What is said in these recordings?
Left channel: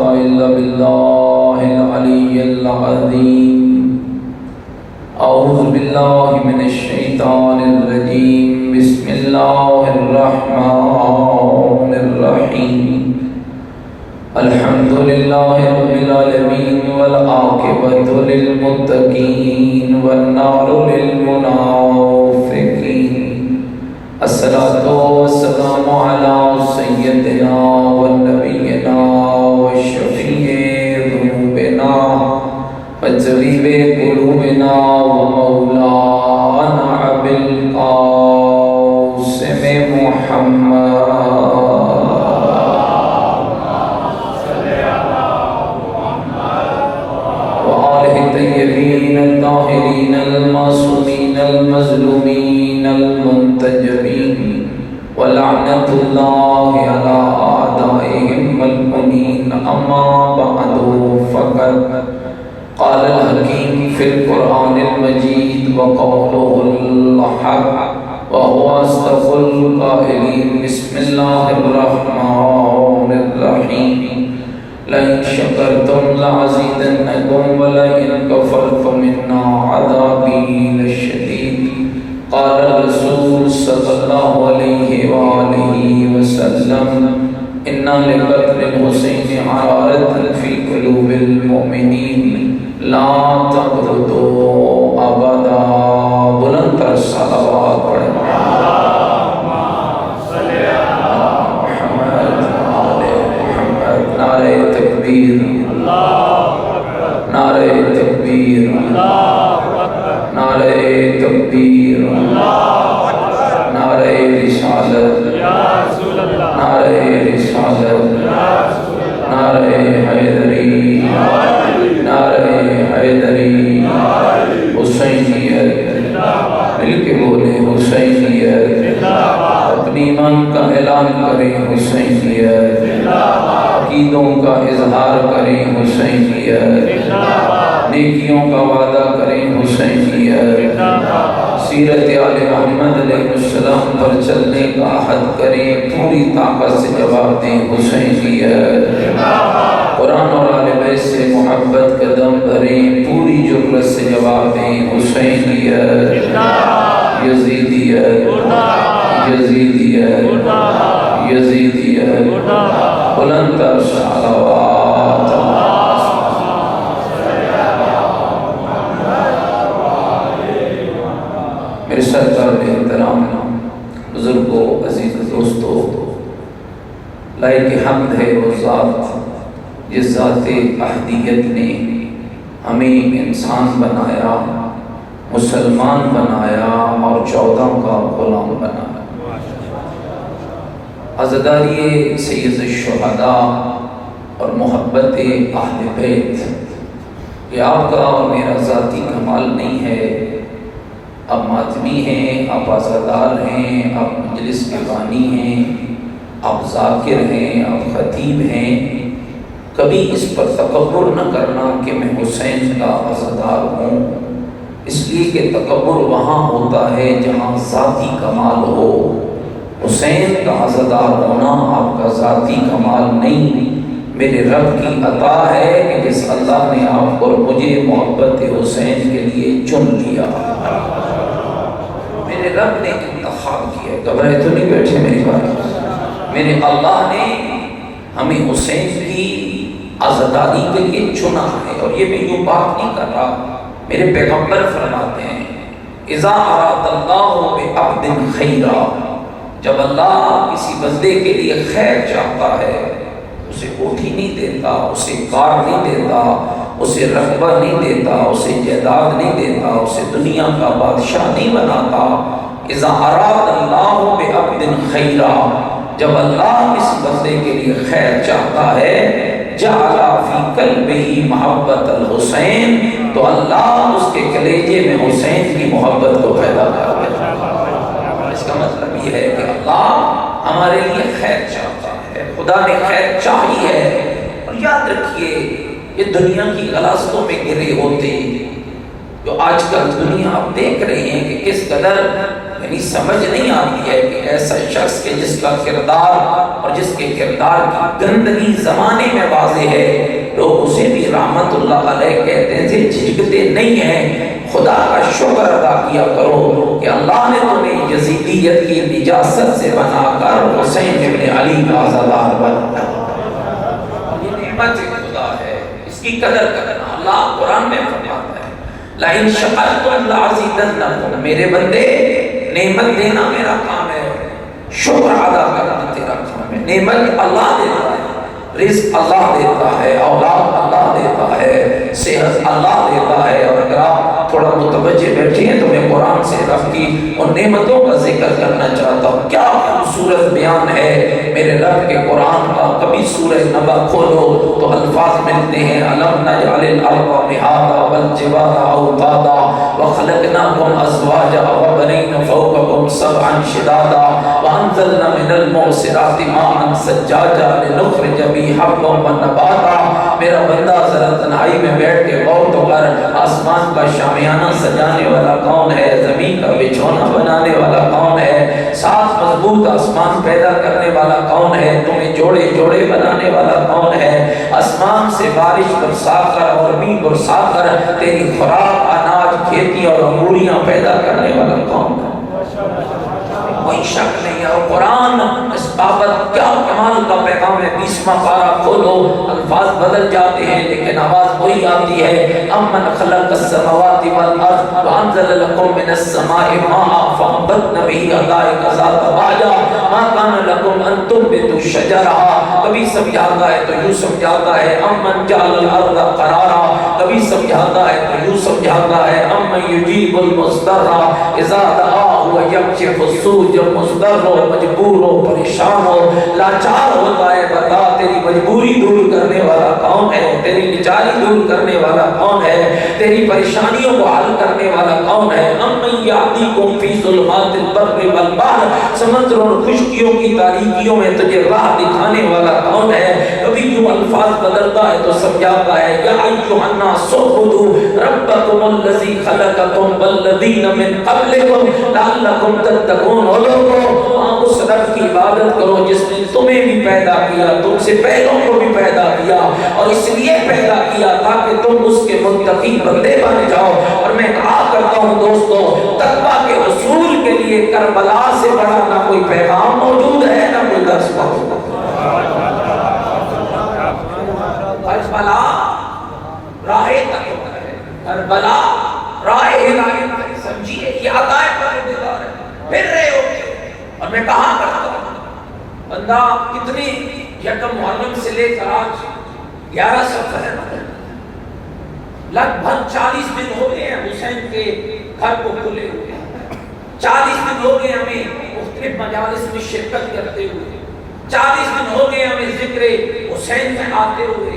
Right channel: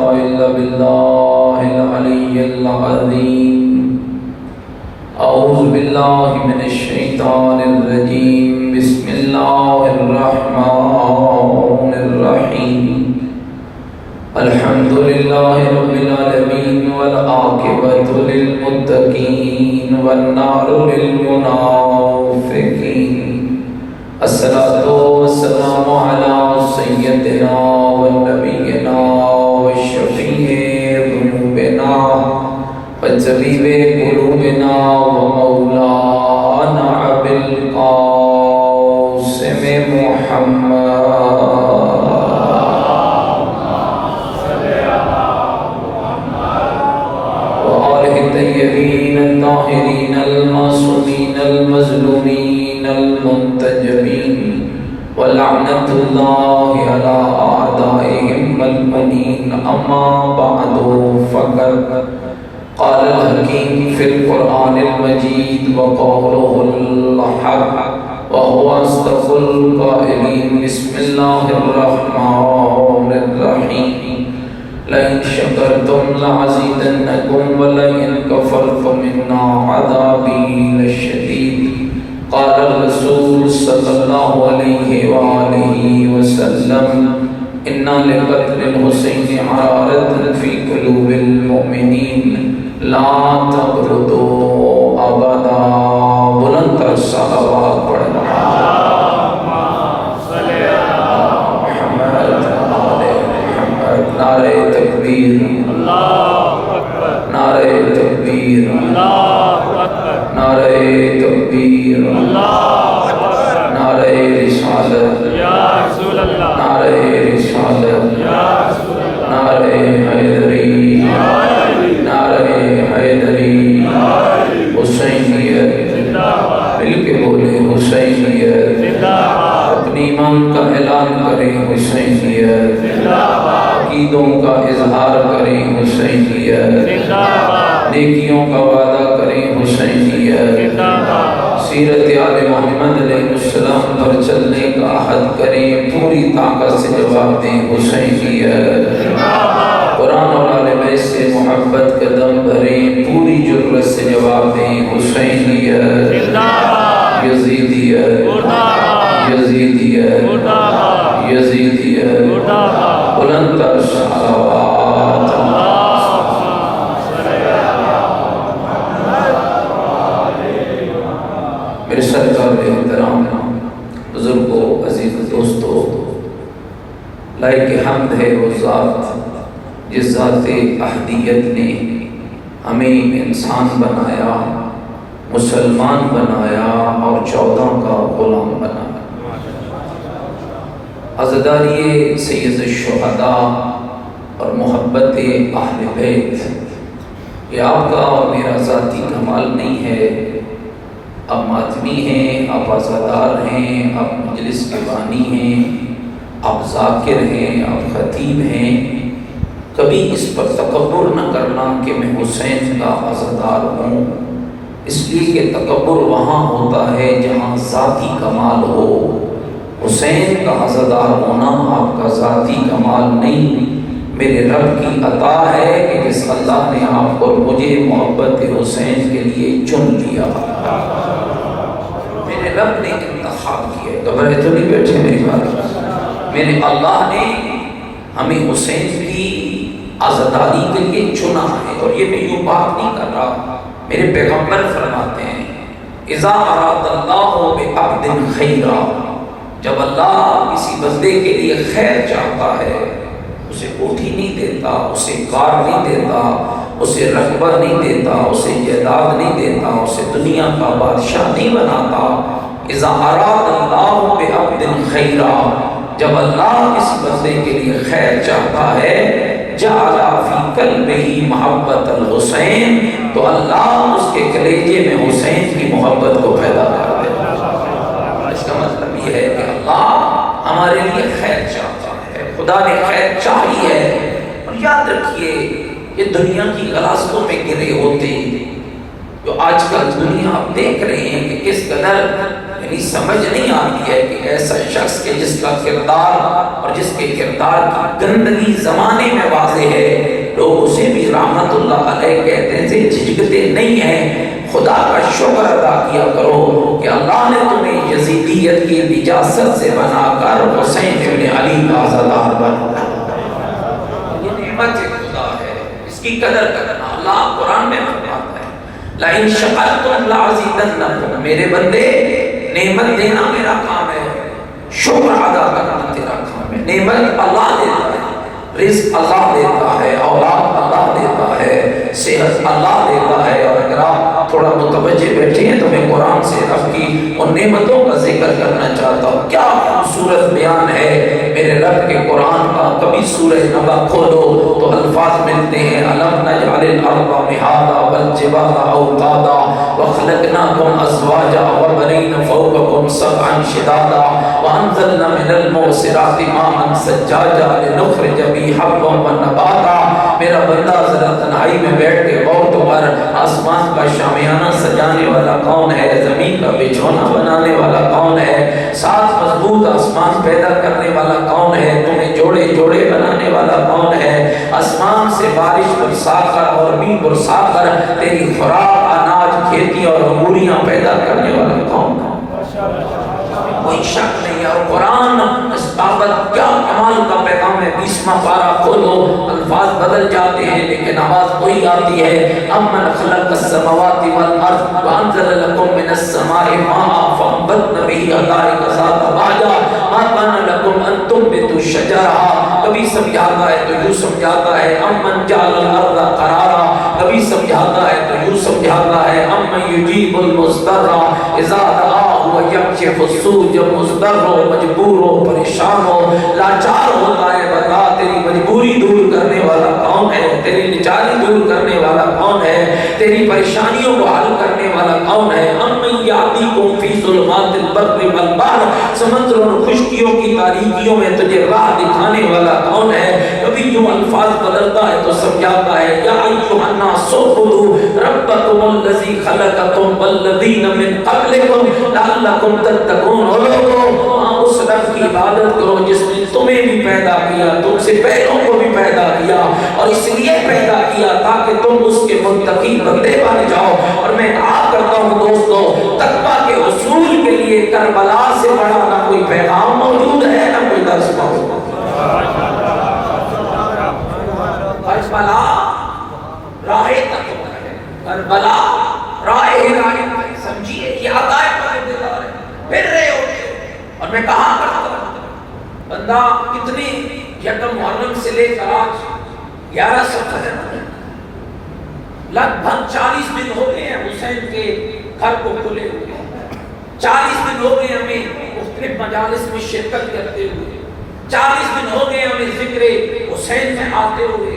إلا بالله العلي العظيم أعوذ بالله من الشيطان الرجيم بسم الله الرحمن الرحيم الحمد لله رب العالمين والعاقبة للمتقين والنار للمنافقين الصلاة والسلام على سيدنا ونبينا وشفيع ذنوبنا وطبيب قلوبنا ومولانا أبي القاسم محمد الطيبين الطاهرين المعصومين المظلومين المنتجبين ولعنة الله على أعدائهم الملعونين أما بعد فقد قال الحكيم في القرآن المجيد وقوله الحق وهو أصدق القائلين بسم الله الرحمن الرحيم لئن شكرتم لأزيدنكم ولئن كفرتم إن عذابي لشديد قال الرسول صلى الله عليه وآله وسلم إن لقتل الحسين حرارة في قلوب المؤمنين لا تبردوا أبدا بلند الصلوات پڑھنا نعرہ تکبیر نعرہ تکبیر نعرہ تکبیر نعرہ رسالت نعرہ رسالت نعرہ حیدری نعرہ حیدری حسینیت مل کے بولے حسینیت اپنی ایمان کا اعلان کریں حسینیت عقیدوں کا اظہار کریں حسینیت نیکیوں کا وعدہ کریں حسینیت سیرت آل محمد علیہ السلام پر چلنے کا عہد کریں پوری طاقت سے جواب دیں حسینیت قرآن اور آل بیت سے محبت قدم بھریں پوری جرأت سے جواب دیں حسینیت یزیدیت یزیدیت یزیدیت بلند تر صلوات میرے سرکار احترام بزرگوں عزیز دوستوں لائق حمد ہے وہ ذات جس ذات احدیت نے ہمیں انسان بنایا مسلمان بنایا اور 14 کا غلام بنایا عزاداری سید الشہداء اور محبت اہل بیت یہ آپ کا اور میرا ذاتی کمال نہیں ہے آپ ماتمی ہیں آپ عزادار ہیں آپ مجلس کے بانی ہیں آپ ذاکر ہیں آپ خطیب ہیں کبھی اس پر تکبر نہ کرنا کہ میں حسین کا عزادار ہوں اس لیے کہ تکبر وہاں ہوتا ہے جہاں ذاتی کمال ہو حسین کا عزادار ہونا آپ کا ذاتی کمال نہیں میرے رب کی عطا ہے کہ جس اللہ نے آپ کو اور مجھے محبت حسین کے لیے چن لیا میرے رب نے انتخاب کیا گھبرائے تو نہیں بیٹھے میری بات میرے اللہ نے ہمیں حسین کی عزاداری کے لیے چنا ہے اور یہ میں یوں بات نہیں کر رہا میرے پیغمبر فرماتے ہیں اذا اراد اللہ بعبد خیرا جب اللہ کسی بندے کے لیے خیر چاہتا ہے اسے کوٹھی نہیں دیتا اسے کار نہیں دیتا اسے رقبہ نہیں دیتا اسے جائیداد نہیں دیتا اسے دنیا کا بادشاہ نہیں بناتا اذا اراد اللہ بعبد خیرا جب اللہ کسی بندے کے لیے خیر چاہتا ہے جعل فی قلبہ محبت الحسین تو اللہ اس کے کلیجے میں حسین کی محبت کو پیدا کر دیتا اس کا مطلب یہ ہے کہ اللہ ہمارے لیے خیر چاہتا ہے خدا نے خیر چاہی ہے اور یاد رکھیے یہ دنیا کی غلاظتوں میں گرے ہوتے جو آج کل دنیا آپ دیکھ رہے ہیں کہ کس قدر یعنی سمجھ نہیں آتی ہے کہ ایسا شخص کے جس کا کردار اور جس کے کردار کی گندگی زمانے میں واضح ہے رحمت اللہ علیہ کہتے تھے جھجکتے نہیں ہیں، خدا کا شکر ادا کیا کرو کہ اللہ نے تمہیں یزیدیت کی اجازت سے بنا کر حسین ابن علی کا عزادار بنا۔ یہ نعمت خدا ہے، اس کی قدر کرنا۔ اللہ قرآن میں فرماتا ہے لَإِن شَكَرْتُمْ لَأَزِيدَنَّكُمْ، میرے بندے نعمت دینا میرا کام ہے، شکر ادا کرنا تیرا کام ہے۔ نعمت اللہ دیتا ہے، رزق اللہ دیتا ہے، اولاد اللہ دیتا ہے، صحت اللہ دیتا ہے۔ اور اگر آپ تھوڑا متوجہ بیٹھے ہیں تو میں قرآن سے رب کی ان نعمتوں کا ذکر کرنا چاہتا ہوں۔ کیا خوبصورت بیان ہے میرے رب کے قرآن کا۔ کبھی سورہ نبا کھولو تو الفاظ ملتے ہیں أَلَمْ نَجْعَلِ الْأَرْضَ مِهَادًا وَالْجِبَالَ أَوْتَادًا وَخَلَقْنَاكُمْ أَزْوَاجًا وَبَنِينَ فَوْقَكُمْ سَبْعًا شِدَادًا وَأَنزَلْنَا مِنَ الْمُعْصِرَاتِ مَاءً ثَجَّاجًا لِنُخْرِجَ بِهِ حَبًّا وَنَبَاتًا۔ میرا بندہ ذرا تنہائی میں بیٹھ کے غور تو کر، آسمان کا شامیانہ سجانے والا کون ہے؟ زمین کا بچھونا بنانے والا کون ہے؟ سات مضبوط آسمان پیدا کرنے والا کون ہے؟ تمہیں جوڑے جوڑے بنانے والا کون ہے؟ آسمان سے بارش برسا کر اور بھی برسا کر تیری خوراک اناج کھیتی اور انگوریاں پیدا کرنے والا کون ہے؟ کوئی شک نہیں ہے۔ اور قرآن اس بابت کیا کمال کا پیغام ہے۔ 20واں پارہ کھولو، الفاظ بدل جاتے ہیں لیکن آواز وہی آتی ہے امن خلق السماوات والارض وانزل لكم من السماء ماء فانبتنا به حدائق ذات بہجہ ما كان لكم ان تنبتوا شجرها۔ کبھی سمجھاتا ہے تو یوں سمجھاتا ہے امن جعل الارض قرارا، کبھی سمجھاتا ہے تو یوں سمجھاتا ہے امن یجیب المضطر اذا دعاه ويكشف السوء، جب مضطر ہو، مجبور ہو، پریشان ہو، لاچار ہوتا ہے، بتا تیری مجبوری دور کرنے والا کون ہے؟ تیری لاچاری دور کرنے والا کون ہے؟ تیری پریشانیوں کو حل کرنے والا کون ہے؟ امن یاتیکم فی ظلمات البر والبحر، سمندر اور خشکیوں کی تاریکیوں میں تجھے راہ دکھانے والا کون ہے؟ کبھی یوں الفاظ بدلتا ہے تو سمجھاتا ہے یا ایھا الناس اعبدوا ربکم الذی خلقکم والذین من قبلکم لعلکم تتقون۔ اس رب کی عبادت کرو جس نے تمہیں بھی پیدا کیا، تم سے پہلوں کو بھی پیدا کیا، اور اس لیے پیدا کیا تاکہ تم اس کے متقی بندے بن جاؤ۔ اور میں کہا کرتا ہوں دوستو، تقویٰ کے حصول کے لیے کربلا سے بڑا نہ کوئی پیغام موجود ہے نہ کوئی درس موجود ہے۔ کربلا راہ تقویٰ ہے، کربلا راہ ہدایت ہے، سمجھیے یہ عطائے پروردگار ہے۔ پھر رہے ہو اور میں کہاں کرتا ہوں بندہ کتنی یکم محرم سے لے کر آج 11 سفر ہے، لگ بھگ 40 دن ہو گئے ہیں حسین کے گھر کو کھلے ہوئے، 40 دن ہو گئے ہمیں مختلف مجالس میں شرکت کرتے ہوئے، 40 دن ہو گئے ہمیں ذکر حسین میں آتے ہوئے۔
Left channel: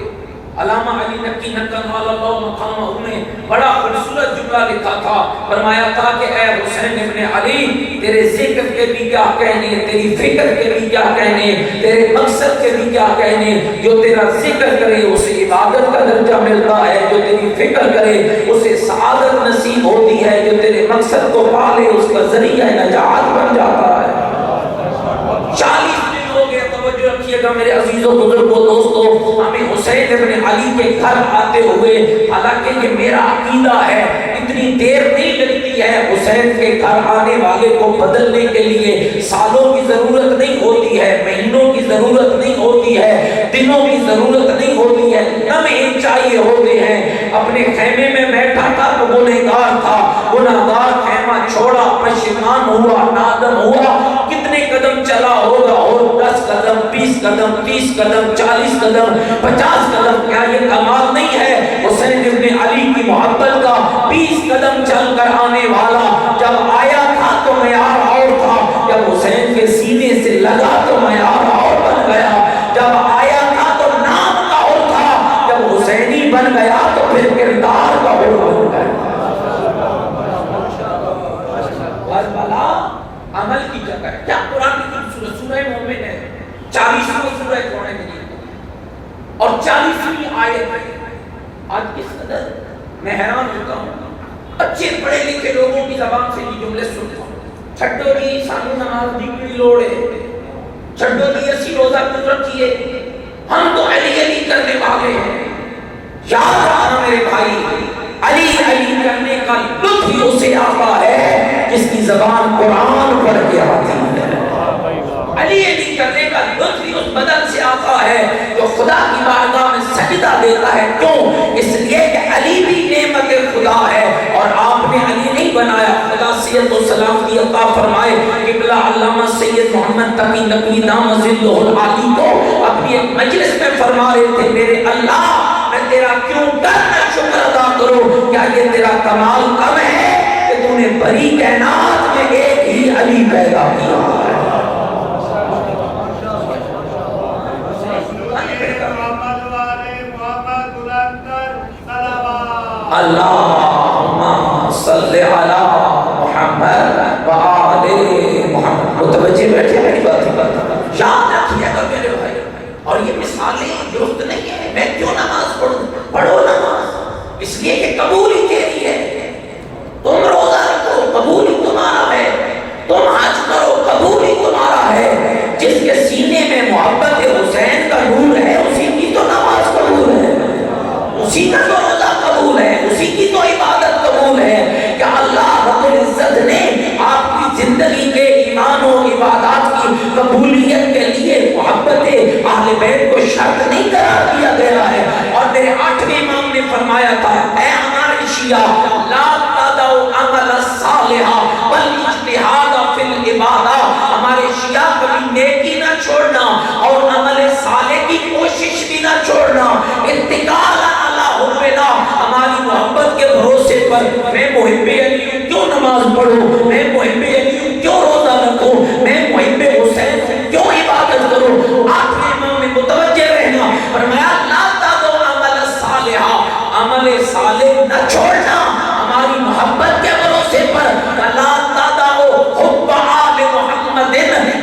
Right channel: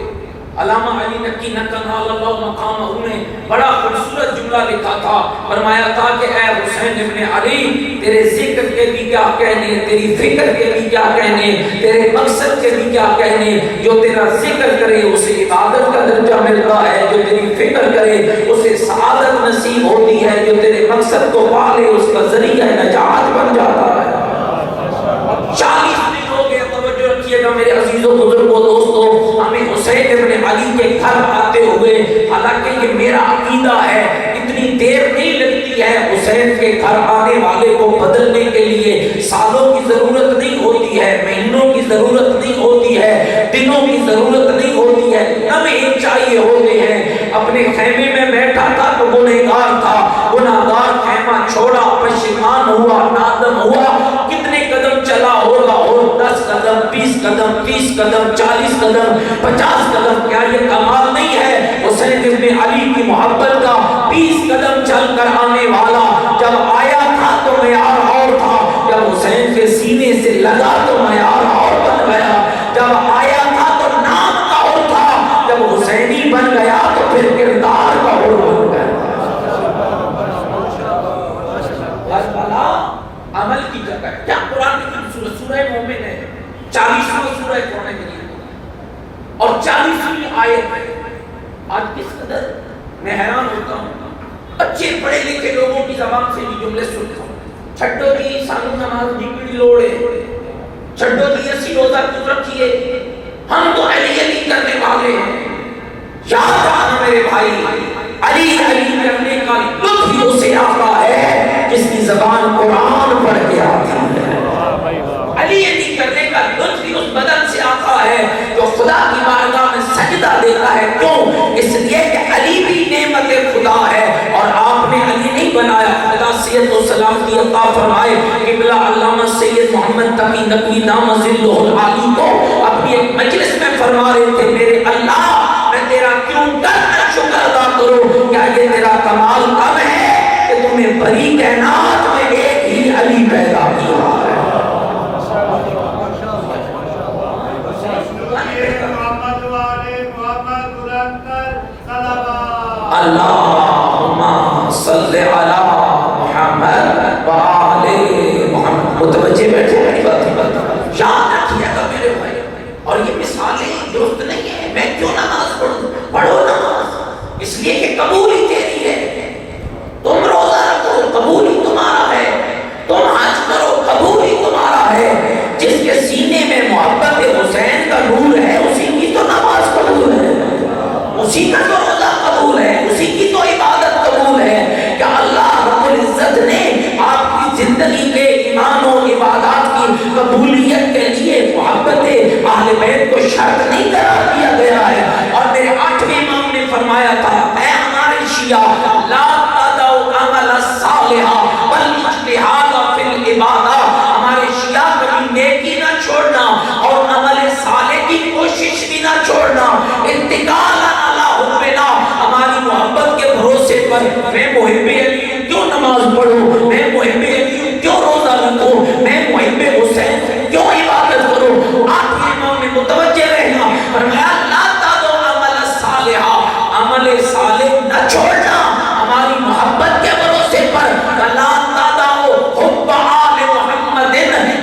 علامہ علی نقی نقل اللہ مقامہ نے بڑا خوبصورت جملہ لکھا تھا، فرمایا تھا کہ اے حسین ابن علی، تیرے ذکر کے بھی کیا کہنے، تیری فکر کے بھی کیا کہنے، تیرے مقصد کے بھی کیا کہنے۔ جو تیرا ذکر کرے اسے عبادت کا درجہ ملتا ہے، جو تیری فکر کرے اسے سعادت نصیب ہوتی ہے، جو تیرے مقصد کو پالے اس کا ذریعہ نجات بن جاتا ہے۔ 40 دن ہو گئے، توجہ رکھیے گا میرے عزیزوں بزرگوں دوستوں، ہمیں حسین ابن علی کے گھر آتے ہوئے، حالانکہ یہ میرا عقیدہ ہے، اتنی دیر نہیں لگتی ہے حسین کے گھر آنے والے کو بدلنے کے لیے، سالوں کی ضرورت نہیں ہوتی ہے، مہینوں کی ضرورت نہیں ہوتی ہے، دنوں کی ضرورت نہیں ہوتی ہے، لمحے چاہیے ہوتے ہیں۔ اپنے خیمے میں بیٹھا تھا تو گنہگار تھا، گنہگار خیمہ چھوڑا، پشیمان ہوا، نادم ہوا، کتنے قدم چلا ہوگا، اور 10 قدم 20 قدم 30 قدم 40 قدم 50 قدم، کیا یہ کمال نہیں ہے حسین ابن علی کی محبت کا؟ 20 قدم چل کر آنے والا جب آیا تھا تو معیار اور تھا، جب حسین کے سینے سے لگا تو معیار اور بن گیا، جب آیا تھا تو نام کا اور تھا، جب حسینی بن گیا تو پھر کردار کا اور بن گیا۔ کربلا عمل کی جگہ ہے۔ کیا قرآن کی سورہ مومن ہے، 40واں سورہ قرآن مجید اور 40ویں آیت۔ آج کس قدر میں حیران ہوتا ہوں، اچھے پڑھے لکھے لوگوں کی زبان سے یہ جملے سنتا ہوں، چھڈو جی سانو نماز دی لوڑ ہے، چھڈو جی اسی روزہ خود رکھیے، ہم تو علی علی کرنے والے ہیں، یاد علی علی کرنے کا لطف ہی اسے آتا ہے جس کی زبان قرآن پڑھ کے آتی ہے۔ علی علی کرنے کا لطف ہی اس بدن سے آتا ہے جو خدا کی بارگاہ میں سجدہ دیتا ہے۔ کیوں؟ اس لیے کہ علی بھی نعمت خدا ہے اور آپ نے علی نہیں بنایا۔ خدا صحت و سلامتی عطا فرمائے قبلہ علامہ سید محمد تقی نقوی دامہ ظلہ العالی کو اپنی ایک مجلس میں فرما رہے تھے، میرے اللہ میں تیرا کیوں کرنا شکر ادا کروں؟ کیا یہ تیرا کمال کم ہے کہ تم نے بڑی کائنات میں ایک ہی علی پیدا کیا ہے؟ اللہم صلی علی محمد وآل محمد۔ متوجہ بیٹھے میری بات ہی یاد رکھیے گا میرے بھائی، اور یہ مثالیں درست نہیں ہے۔ میں کیوں نماز پڑھو نماز؟ اس لیے کہ قبول ہی تیری ہے۔ تم روزہ رکھو قبول ہی تمہارا ہے، تم حج کرو قبول ہی تمہارا ہے۔ جس کے سینے میں محبت حسین کا نور ہے اسی کی تو نماز قبول ہے، اسی کا تو روزہ قبول ہے، اسی کی تو عبادت قبول ہے۔ کہ اللہ رب العزت نے آپ کی زندگی کے ایمان و عبادات کی قبولیت کے لیے محبت اہل بیت کو شرط نہیں قرار دیا گیا ہے۔ اور میرے 8ویں امام نے فرمایا تھا، اے ہمارے شیعہ لا تدعوا عمل الصالحہ بل اجتہاد فی العبادہ، ہمارے شیعہ کبھی نیکی نہ چھوڑنا اور عمل صالح کی کوشش بھی نہ چھوڑنا۔ اتقالا علی حبنا، ہماری محبت کے بھروسے پر میں محب علی ہوں کیوں نماز پڑھوں، میں محب علی ہوں کیوں روزہ رکھوں، میں محب حسین ہوں کیوں عبادت کروں۔ 8ویں امام میں متوجہ رہنا، فرمایا لا تدعوا عمل الصالحہ، عمل صالح نہ چھوڑنا ہماری محبت کے بھروسے پر۔ لا تدعوا حب آل محمد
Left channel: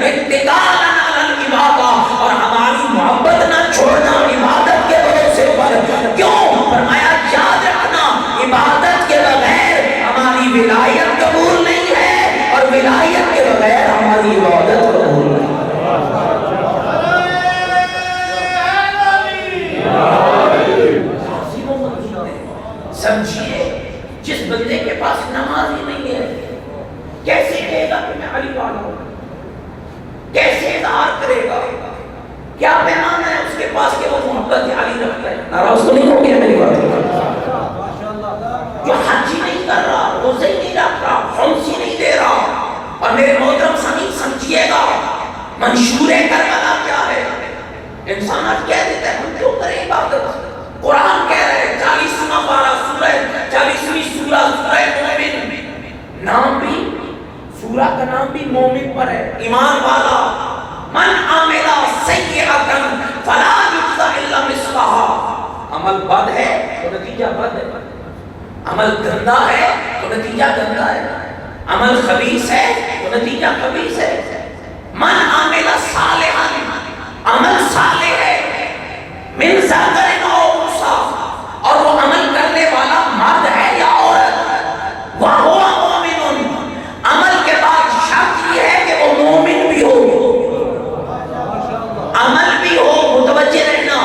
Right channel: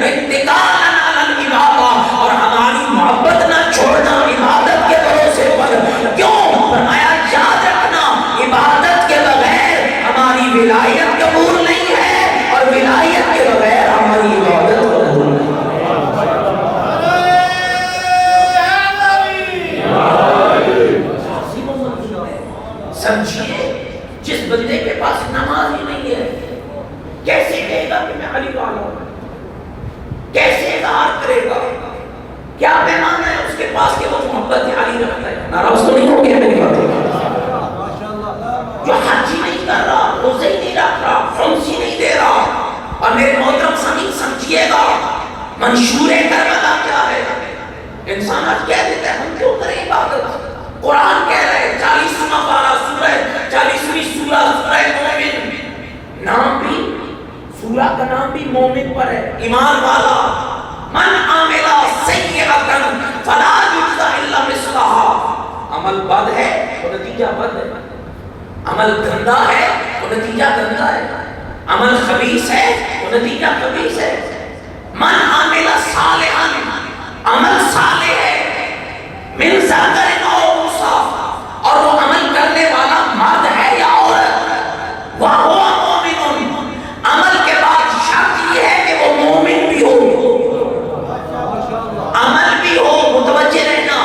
اتقالا علی العبادہ، اور ہماری محبت نہ چھوڑنا عبادت کے بھروسے پر۔ کیوں؟ فرمایا یاد رکھنا عبادت کے بغیر ہماری ولایت قبول نہیں ہے اور ولایت کے بغیر ہماری عبادت قبول نہیں ہے۔ سمجھیے جس بندے کے پاس نماز ہی نہیں ہے کیسے کہے گا کہ میں علی والا ہوں؟ کیسے اظہار کرے گا؟ کیا پیمانہ ہے اس کے پاس کہ وہ محبت علی رکھتا ہے؟ ناراض تو نہیں ہو گیا میری بات؟ جو حج ہی نہیں کر رہا، روزے ہی نہیں رکھ رہا، خمس ہی نہیں دے رہا۔ اور میرے محترم سامعین سمجھیے گا منشور کربلا کیا ہے؟ انسان آج کہہ دیتا ہے ہم کیوں کریں عبادت؟ قرآن کہہ رہے ہیں 40واں پارہ سورہ 40ویں سورہ سورہ مومن، نام بھی سورہ کا نام بھی مومن پر ہے، ایمان والا۔ من عمل سیئۃ فلا یجزی الا مثلھا، عمل بد ہے تو نتیجہ بد ہے، عمل گندا ہے تو نتیجہ گندا ہے، عمل خبیث ہے تو نتیجہ خبیث ہے۔ من عمل صالحا، عمل صالح ہے، من ذکر او انثی، اور وہ عمل کرنے والا مرد ہے یا عورت، وہو مومن، عمل کے بعد شرط یہ ہے کہ وہ مومن بھی ہو، عمل بھی ہو، متوجہ رہنا،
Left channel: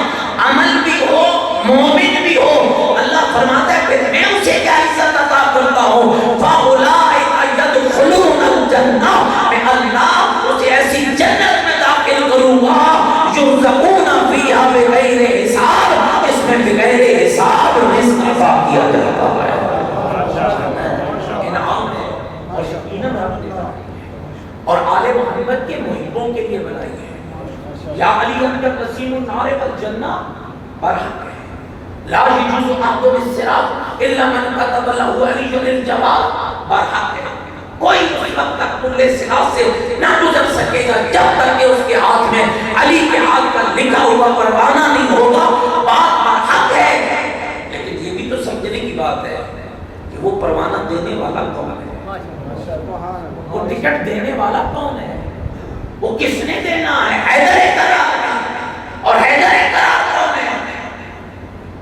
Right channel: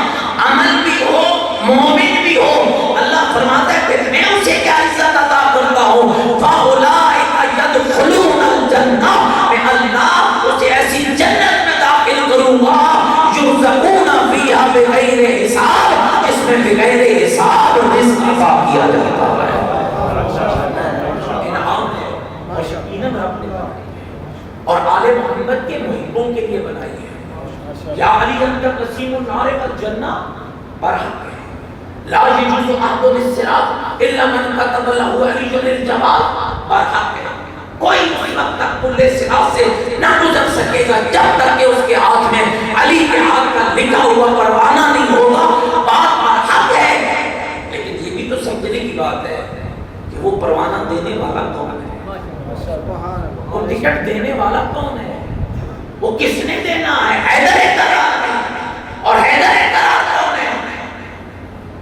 عمل بھی ہو مومن بھی ہو۔ اللہ فرماتا ہے کہ میں اسے کیا عزت عطا کرتا ہوں، فَأُولَٰئِکَ يَدْخُلُونَ الْجَنَّةَ، میں اللہ اسے ایسی جنت میں داخل کروں گا يُرْزَقُونَ فِيهَا بِغَيْرِ حساب، اس میں بغیر حساب رزق عطا کیا جاتا ہے۔ انعام ہے اور یقیناً رب نے بنائی ہے اور آل محمد کے محبوں کے لیے بنائی ہے۔ یا علی انت قسیم النار والجنہ، برحق ہے۔ لا یجوز احد الصراط الا من كتب له علی الجمال، برحق ہے۔ کوئی مطلب تک کلے صراط سے نہ گزر سکے گا جب تک کہ اس کے ہاتھ میں علی کے ہاتھ کا لکھا ہوا پروانہ نہیں ہوگا، بات برحق ہے۔ لیکن یہ بھی تو سمجھنے کی بات ہے کہ وہ پروانہ دینے والا کون ہے، وہ ٹکٹ دینے والا کون ہے، وہ کس نے دینا ہے؟ حیدر قرار، اور حیدر قرار کون ہے؟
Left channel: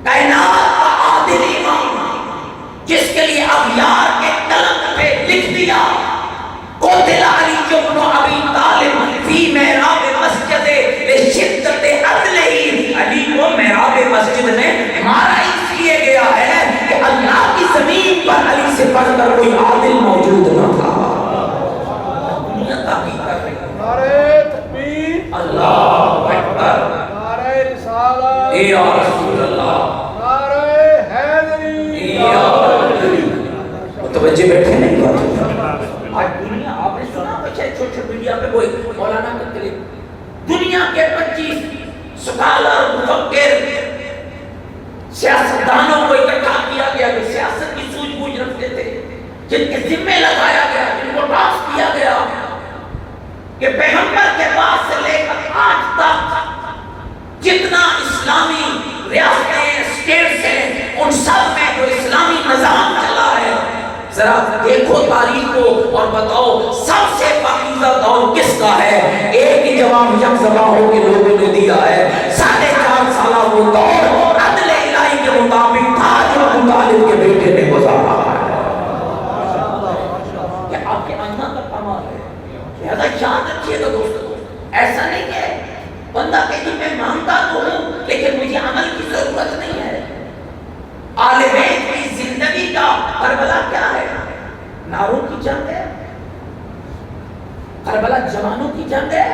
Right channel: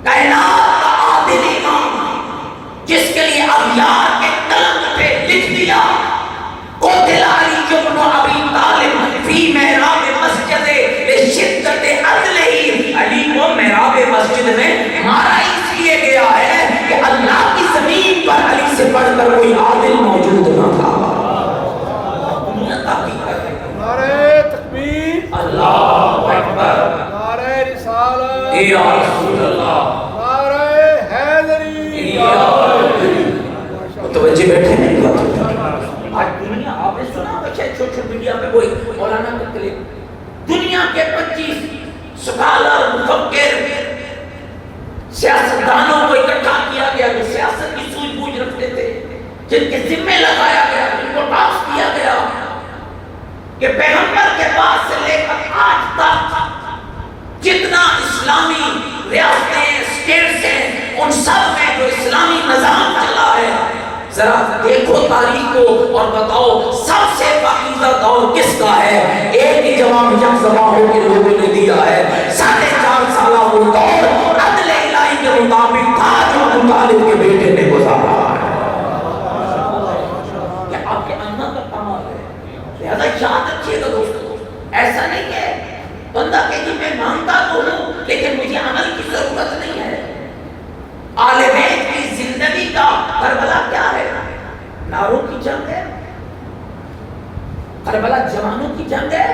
کائنات کا عادل امام جس کے لیے اغیار کے قلم پہ لکھ دیا قتل علی بن ابی طالب فی محراب مسجد لشدت عدلہ، علی کو محراب مسجد میں مارا اس لیے گیا ہے کہ اللہ کی زمین کر کوئی عادل موجود نہ تھا. دنیا تحقیق کر رہی ہے. نعرہ تکبیر، اللہ اکبر، نعرہ رسالت، یا رسول اللہ، نعرہ حیدری. یا متوجہ بیٹھے نہیں بات. آج دنیا آپ نے سنا بچے سوشل میڈیا پہ کوئی مولانا کا کلپ، دنیا کے 25 سکالر مفکر سیاستدانوں کو اکٹھا کیا گیا جو سیاست کی سوجھ بوجھ رکھتے تھے، جن کے ذمے لگایا گیا، جن کو ٹاسک کیا گیا کہ پیغمبر کے بعد سے لے کر آج تک جتنا اسلامی ریاستیں اسٹیٹس ہیں ان سب میں جو اسلامی نظام چلا ہے، ذرا دیکھو تاریخ کو اور بتاؤ سب سے پاکیزہ دور کس کا ہے؟ ایک ہی جواب یکزباہوں کے لوگوں نے دیا ہے. 4.5 سالہ وہ دور عدل الہی کے مطابق تھا جو ابو طالب کے بیٹے نے گزارا ہے. یہ آپ کے آئینہ کا کمال ہے. لہذا یاد رکھیے گا دوستو، ایسا نہیں ہے بندہ کہ جی میں مانتا تو ہوں لیکن مجھے عمل کی ضرورت نہیں ہے. آل بیت کی زندگی کا کربلا کیا ہے؟ ناروں کی جنگ ہے؟ کربلا جوانوں کی جنگ ہے؟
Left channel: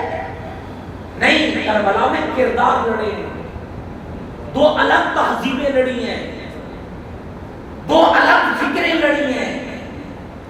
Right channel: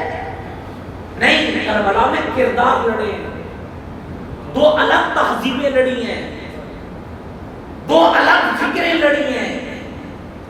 نہیں، کربلا میں کردار لڑے ہیں، 2 الگ تہذیبیں لڑی ہیں، 2 الگ فکریں لڑی ہیں،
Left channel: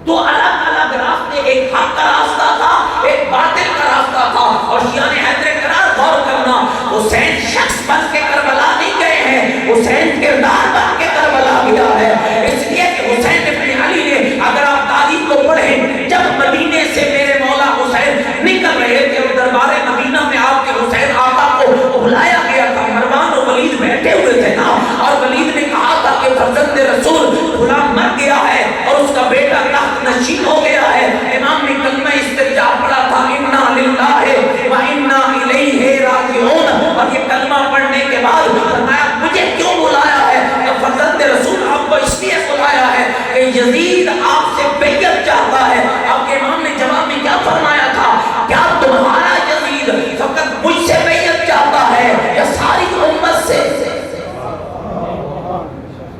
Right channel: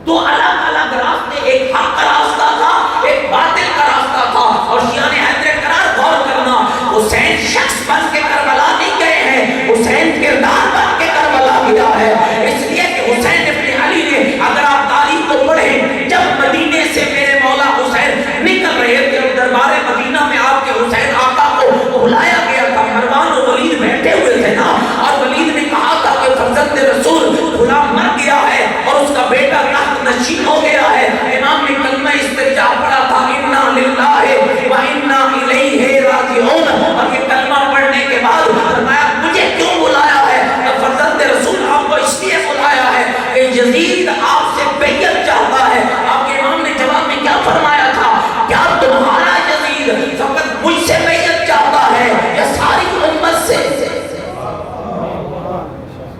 2 الگ الگ راستے، ایک حق کا راستہ تھا، ایک باطل کا راستہ تھا. اور شیعہ نے حیدر قرار غور کرنا، حسین شخص بن کے کربلا نہیں گئے ہیں، حسین کردار بن کے کربلا گیا ہے. اس لیے کہ حسین ابن علی نے، اگر آپ تاریخ کو پڑھیں، جب مدینے سے میرے مولا حسین نکل رہے تھے اور دربار مدینہ میں آپ کے حسین آقا کو بلایا گیا تھا، مروان و ولید بیٹھے ہوئے تھے نا، اور ولید نے کہا تھا کہ فرزند رسول غلام مر گیا ہے اور اس کا بیٹا تخت نشین ہو گیا ہے. امام نے کلمہ استرجاع پڑھا تھا، انا للہ و انا الیہ راجعون، اور یہ کلمہ پڑھنے کے بعد فرمایا مجھے کیوں بلایا ہے؟ فرزند رسول آپ کو اس لیے بلایا ہے کہ یزید آپ سے بیعت چاہتا ہے. آپ کے امام نے جواب میں کیا فرمایا تھا؟ کیا تمہارا یزید فقط مجھ سے بیعت چاہتا ہے یا ساری امت سے؟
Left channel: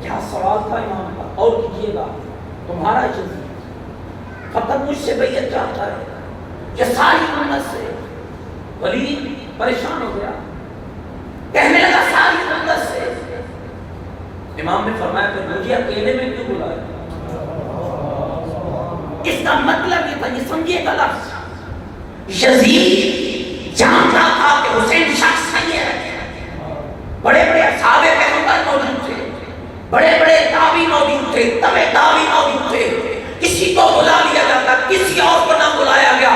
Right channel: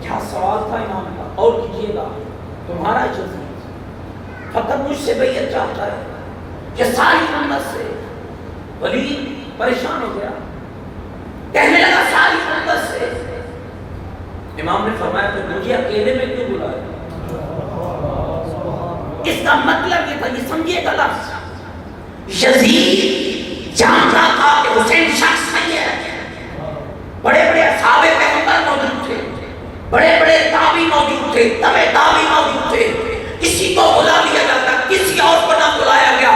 کیا سوال تھا امام کا؟ اور کیجئے گا، تمہارا یزید فقط مجھ سے بیعت چاہتا ہے یا ساری امت سے؟ ولید پریشان ہو گیا، کہنے لگا ساری امت سے. امام نے فرمایا کہ مجھے اکیلے میں کیوں بلایا؟ اس کا مطلب یہ تھا، یہ سمجھیے گا لفظ، یزید جانتا تھا کہ حسین شخص نہیں ہے. بڑے بڑے اصحاب پیغمبر موجود تھے، بڑے بڑے تابعی موجود تھے، تبع تابعی موجود تھے. کسی کو بلا لیا جاتا، کسی اور کو نہ بلایا گیا.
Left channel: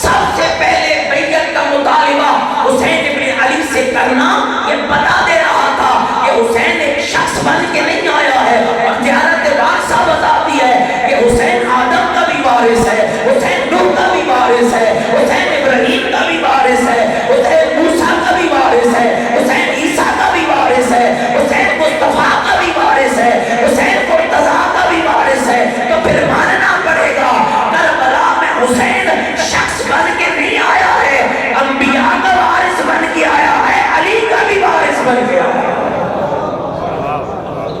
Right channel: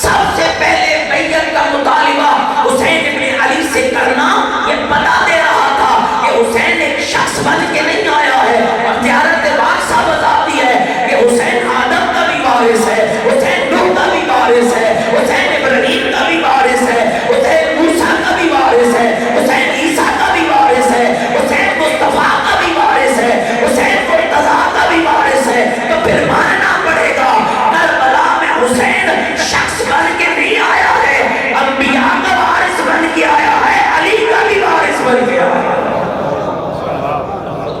سب سے پہلے بیعت کا مطالبہ حسین ابن علی سے کرنا یہ بتا دے رہا تھا کہ حسین ایک شخص بن کے نہیں آیا ہے. اور زیارت باغ ثابت آتی ہے کہ حسین آدم کا بھی وارث ہے، حسین نوح کا بھی وارث ہے، حسین ابراہیم کا بھی وارث ہے، حسین موسیٰ کا بھی وارث ہے، حسین عیسیٰ کا بھی وارث ہے، حسین مصطفیٰ کا بھی وارث ہے، حسین مرتضیٰ کا بھی وارث ہے. تو پھر ماننا پڑے گا کربلا میں حسین شخص بن کے نہیں آیا ہے، انبیاء کا وارث بن کے آیا ہے، علی کا بھی وارث بن کے آیا ہے.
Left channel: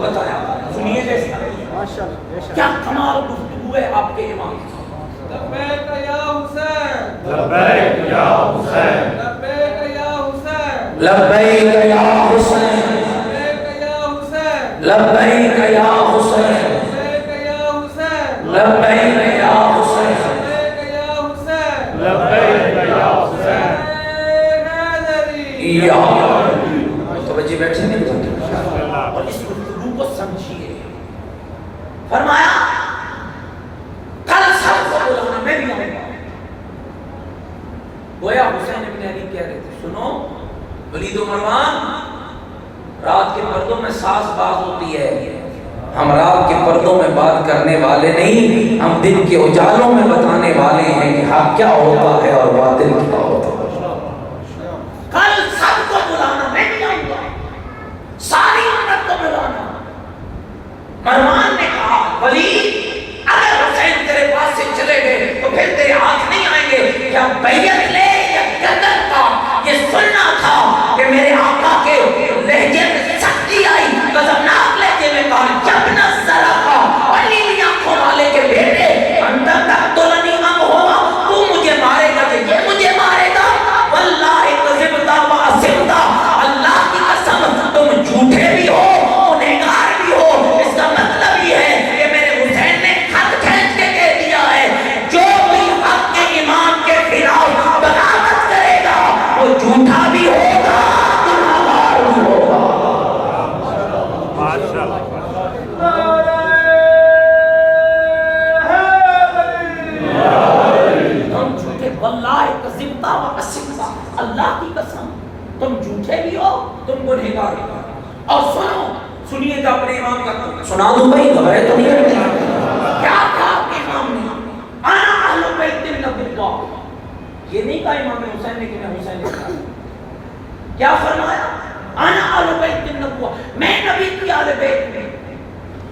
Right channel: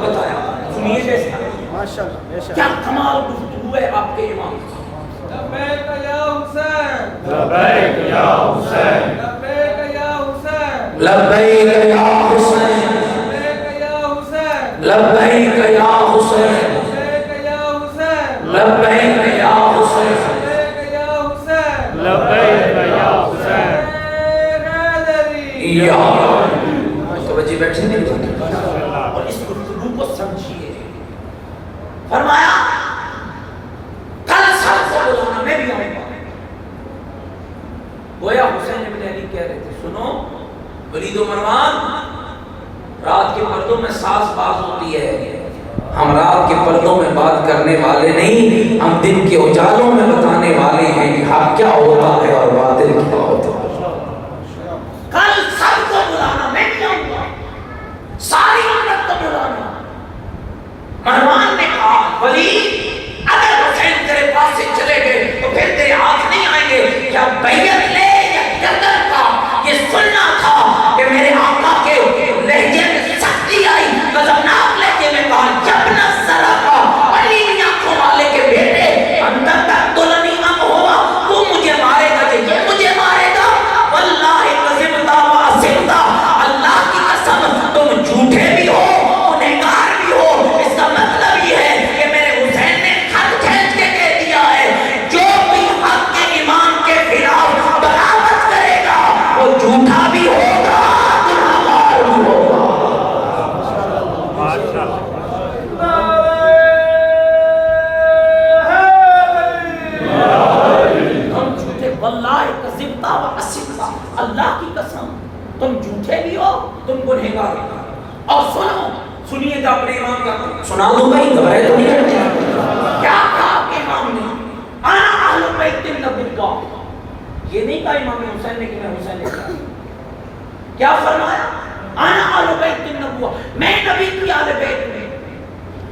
بتایا سنیے جیسا کیا کمال گفتگو ہے آپ کے امام. لبیک یا حسین، لبیک یا حسین، لبیک یا حسین، لبیک یا حسین، لبیک یا حسین، لبیک یا حسین، لبیک یا حسین، لبیک یا حسین، لبیک یا حسین، لبیک یا حسین. حیدری. یا متوجہ بیٹھے نہیں بات. اور اس گفتگو کو سمجھیے. فرمایا کل سب کو بلانا، میں بھی آؤں گا. گویا حسین ابن علی کہہ رہے تھے سنو ولید و مروان، رات کے پردوں میں ساز باز ہوتی ہے، ہم رات کے پردوں میں بات کرنے والے نہیں، ہم دن کے اجالوں میں بتانے والے ہیں کہ حق کیا ہوتا ہے اور باطل کیا ہوتا ہے. کل سب کو بلانا، میں بھی آؤں گا، ساری امت کو بلانا. مروان نے کہا ولید اگر حسین تیرے پاس سے چلے گئے تو پھر تیرے ہاتھ نہیں آئیں گے، کیا بیعت لے یا گردن کاٹ. یہ سننا تھا کہ میرے آقا کے لہجے میں سختی آئی، غضبناک لہجے میں کہا جب نہ ذرا کا علی آنکھوں والے کے سنیے گا اپنے امام کا سنا دوں بھائی گھبرائے تو نہیں کرتے کیا کہا آپ کے امام نے انا اہل بیت النبوہ یہ نہیں کہا امام حسین نے کہ میں حسین نے کہا کیا فرمایا انا اہل بیت النبوہ میں نبی کی اہل بیت میں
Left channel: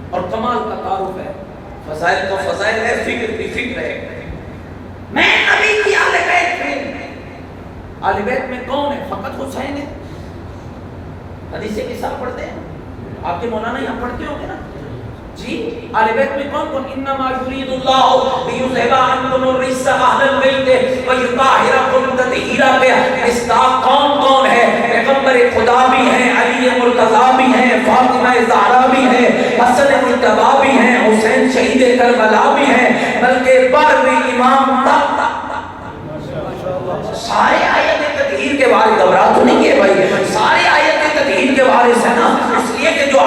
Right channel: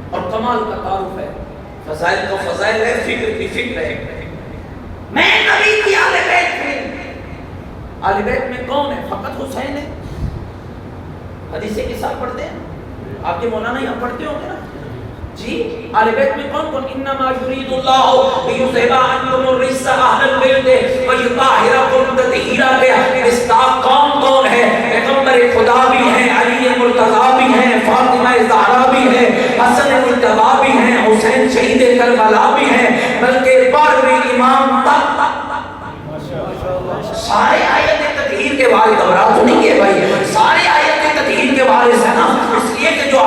اور کمال کا تعارف ہے فضائل کا فضائل ہے فکر کی فکر ہے میں نبی کی اہل بیت میں اہل بیت میں کون ہے فقط حسین ہے حدیث کے ساتھ پڑھتے ہیں آپ کے مولانا یہاں پڑھتے ہوں گے نا جی اہل بیت میں کون کون انما یرید اللہ لیذھب عنکم الرجس اہل البیت ویطہرکم تطہیرا کے مصداق کون کون ہے پیغمبر خدا بھی ہیں علی مرتضی بھی ہیں فاطمہ زہرا بھی ہیں حسن مجتبی بھی ہیں حسین شہید کربلا بھی ہیں بلکہ بارہویں امام تک سارے آیت تطہیر کے بارے گھبرا تو نہیں ہے بھائی سارے آیت تطہیر کے بارے سے نا اس لیے کہ جو